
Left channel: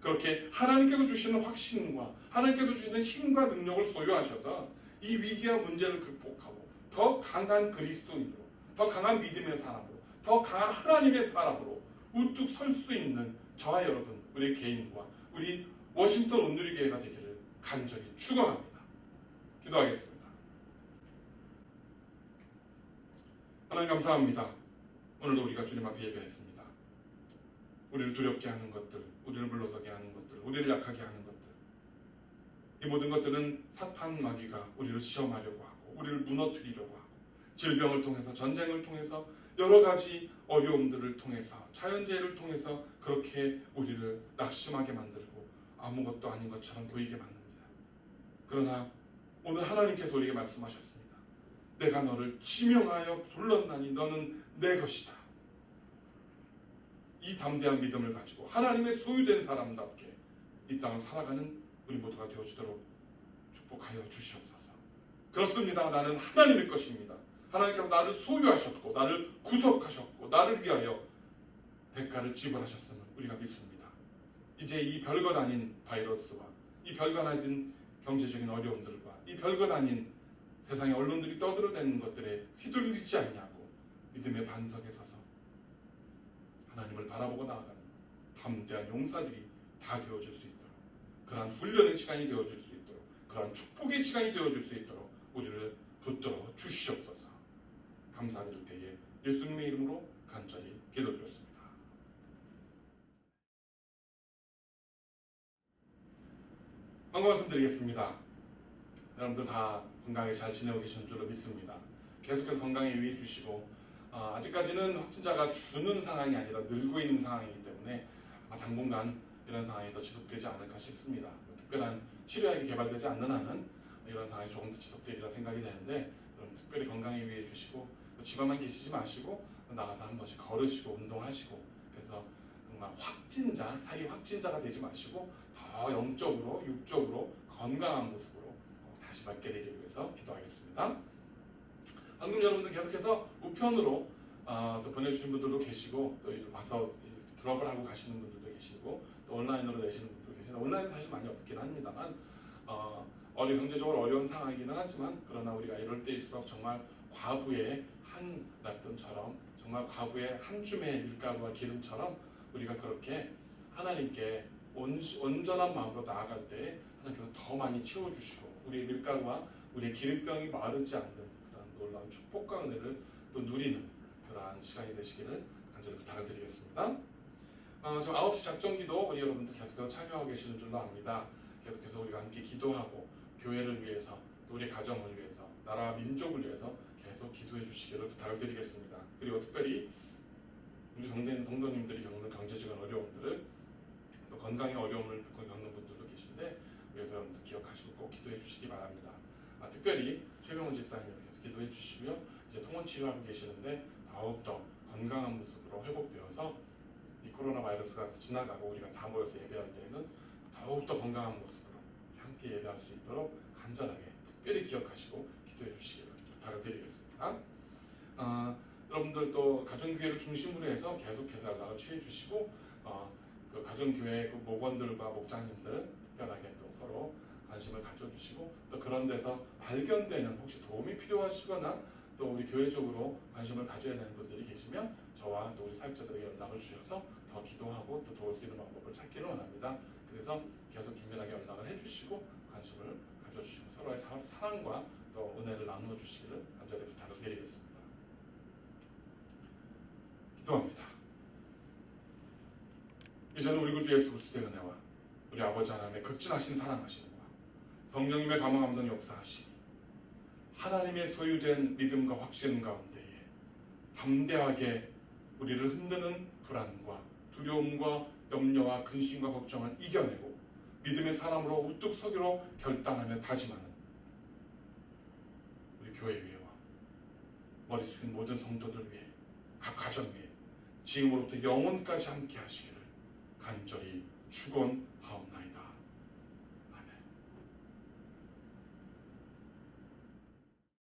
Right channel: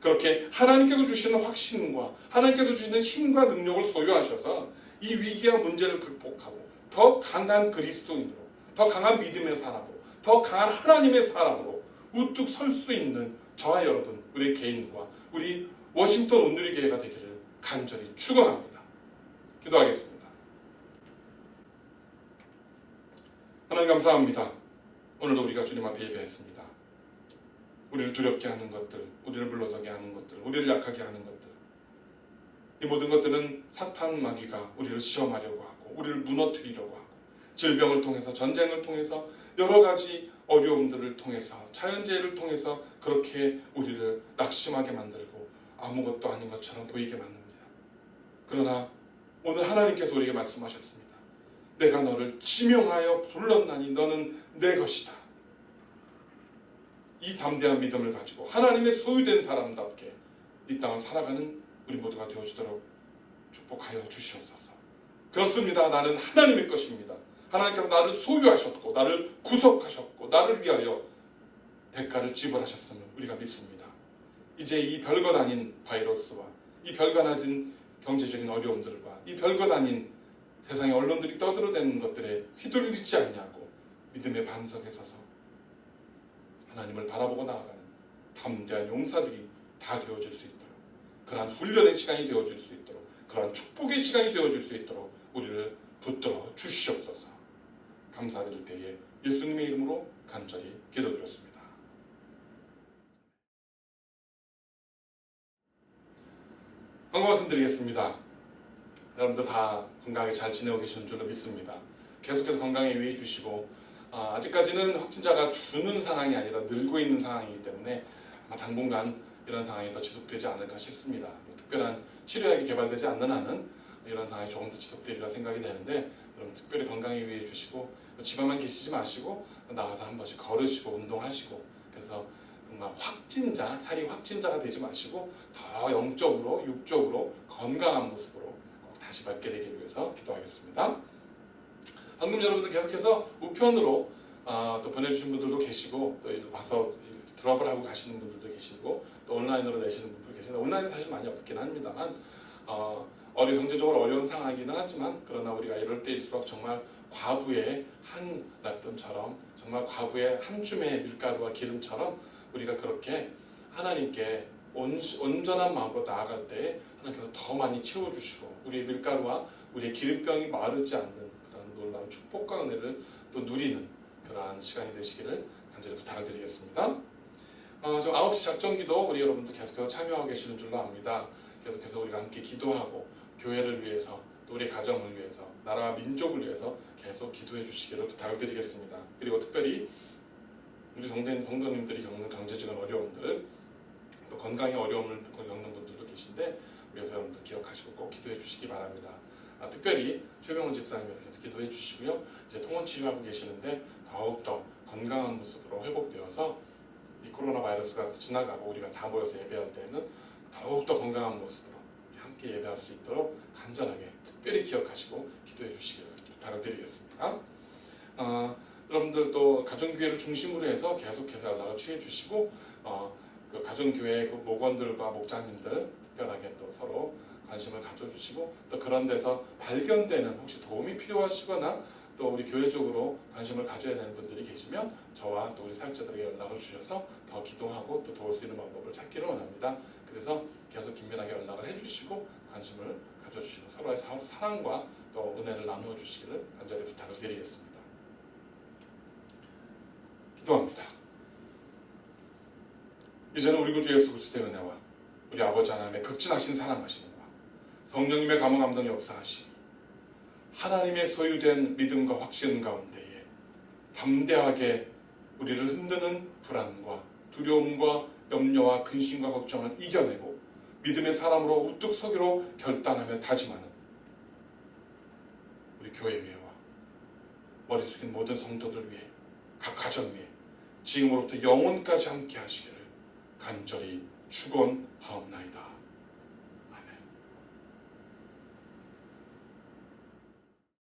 그렇게 하나님께서 주시는 확신과 하나님께서 주시는 힘과 능력을 소유하셔서 이 위기와 문제를 극복하고 더 강한 그리스도인으로, 더 강한 믿음의 사람으로, 더 강한 하나님의 사람으로 우뚝 설 수 있는 저와 여러분, 우리 개인과 우리 워싱턴 온누리교회가 되기를 간절히 축원합니다. 기도하겠습니다. 하나님 감사합니다. 오늘도 우리가 주님 앞에 예배했습니다. 우리를 두렵게 하는 것들, 우리를 물러서게 하는 것들, 우리를 약하게 하는 것들, 이 모든 것들은 사탄 마귀가 우리를 시험하려고 하고 우리를 무너뜨리려고 하고 질병을 통해서, 전쟁을 통해서, 여러 가지 어려움들을 통해서, 자연재해를 통해서 그렇게 우리를 낙심하게 만들고 아무것도 아닌 것처럼 보이게 만듭니다. 그러나 오늘 하나님께서 우리에게 말씀하셨습니다. 내가 너를 지명하여 불렀나니 너는 내 것이다. 이 담대한 믿음을 가지고 하나님의 소유된 사람답게 이 땅을 살아가는 우리 모두가 되어주도록 축복하여 주시옵소서. 그렇습니다. 나는 하나님의 것입니다. 하나님께서 나를 소유하셨고 나를 구속하셨고 나를 위하여 대가를 지불하셨음을 우리가 믿습니다. 이제 이 별것 아닌 바이러스와 이 별것 아닌 경제적인 어려움들과 이 별것 아닌 세상의 언론들이 떠들어대는 것들에 휘둘리지 않냐고 믿음의 반석에 서서 하나님을 바라보고 나아가는 담대한 용사들이 다 되어줄 수 있도록, 그러한 훈련의 시간이 되어줄 수 있도록, 그러한 축복의 시간이 되어줄 수 있도록 우리를 붙들어 주시옵소서. 감사드릴 때에 예수님의 이름으로 간절히 기도드렸습니다. 한국 말씀드리겠습니다. 여러분들 다 건강하게 잘 지내고 계시는 줄로 믿습니다. 계속해서 건강에 유의해 주시고 아직까지는 확진자가 주는 상황이 아니라 늘고 있는 상황이기 때문에 아마 당분간 이런 상황이 더 지속되지 않을까 싶습니다. 특별한 치료약이 개발되지 않는 한은 이런 상황이 조금 더 지속되리라 생각이 되는데 여러분 특별히 건강에 유의해 주시고 집안만 계시지 마시고 나가서 한 번씩 걸으시고 운동하시고 그래서 정말 살이 확진자가 되지 마시고 더 영적으로 육적으로 건강한 모습으로 꼭 다시 뵙게 되기를 위해서 기도하겠습니다. 방금 여러분들 계속해서 우편으로 또 보내주신 분들도 계시고 또 와서 드롭을 하고 가시는 분들도 계시고 또 온라인으로 내시는 분들도 계시는데 온라인은 사실 많이 없긴 합니다만 경제적으로 어려운 상황이기는 하지만 그러나 우리가 이럴 때일수록 정말 과부의 한 납돈처럼 정말 과부의 한 줌의 밀가루와 기름처럼 우리가 그렇게 하나님께 온전한 마음으로 나아갈 때 하나님께서 더 많이 채워주시고 우리의 밀가루와 우리의 기름병이 마르지 않는 그런 놀라운 축복과 은혜를 또 누리는 그러한 시간이 되시기를 간절히 부탁을 드리겠습니다. 지금 9시 작전기도 우리 여러분들 계속해서 참여하고 계시는 줄로 압니다. 계속해서 우리가 함께 기도하고 교회를 위해서 또 우리 가정을 위해서 나라와 민족을 위해서 계속 기도해 주시기를 부탁을 드리겠습니다. 그리고 특별히 우리 성도님들이 겪는 경제적인 어려움들 또 건강의 어려움을 겪는 분들도 계신데 그래서 여러분들 기억하시고 꼭 기도해 주시기 바랍니다. 특별히 최병훈 집사님께서 계속 기도해 주시고요. 이제 통원 치료하고 계시는데 더욱더 건강한 모습으로 회복되어서 이 코로나 바이러스가 지나가고 우리가 다 모여서 예배할 때에는 더욱더 건강한 모습으로 함께 예배할 수 있도록 간절하게 특별히 기억하시고 기도해 주시기를 부탁을 드리겠습니다. 여러분들 또 가정교회를 중심으로 해서 계속해서 연락을 취해 주시고 그 가정교회 그 목원들과 목자님들 특별하게 또 서로 관심을 가져주시고 또 그런 데서 발견되는 혹시 도움이 필요하시거나 또 우리 교회 쪽으로 관심을 가져야 되는 분들이 계시면 저와 또 우리 사역자들에게 연락을 주셔서 더 기도하고 또 도울 수 있는 방법을 찾기를 원합니다. 그래서 계속 긴밀하게 연락을 해주시고 관심을 가져주시고 서로의 사랑과 또 은혜를 나누어 주시기를 간절히 부탁을 드리겠습니다. 기도합니다. 이제는 우리 구주 예수 그리스도의 은혜와 우리 아버지 하나님의 극진하신 사랑하심과 성령님의 감화 감동 역사하심, 하나님의 소유된 믿음과 확신 가운데에 담대하게 우리를 흔드는 불안과 두려움과 염려와 근심과 걱정을 이겨내고 믿음의 사람으로 우뚝 서기로 결단하며 다짐하는 우리 교회 위에와 머리 숙인 모든 성도들 위해 각 가정 위에 지금으로부터 영원까지 함께 하시기를 간절히 축원하옵나이다.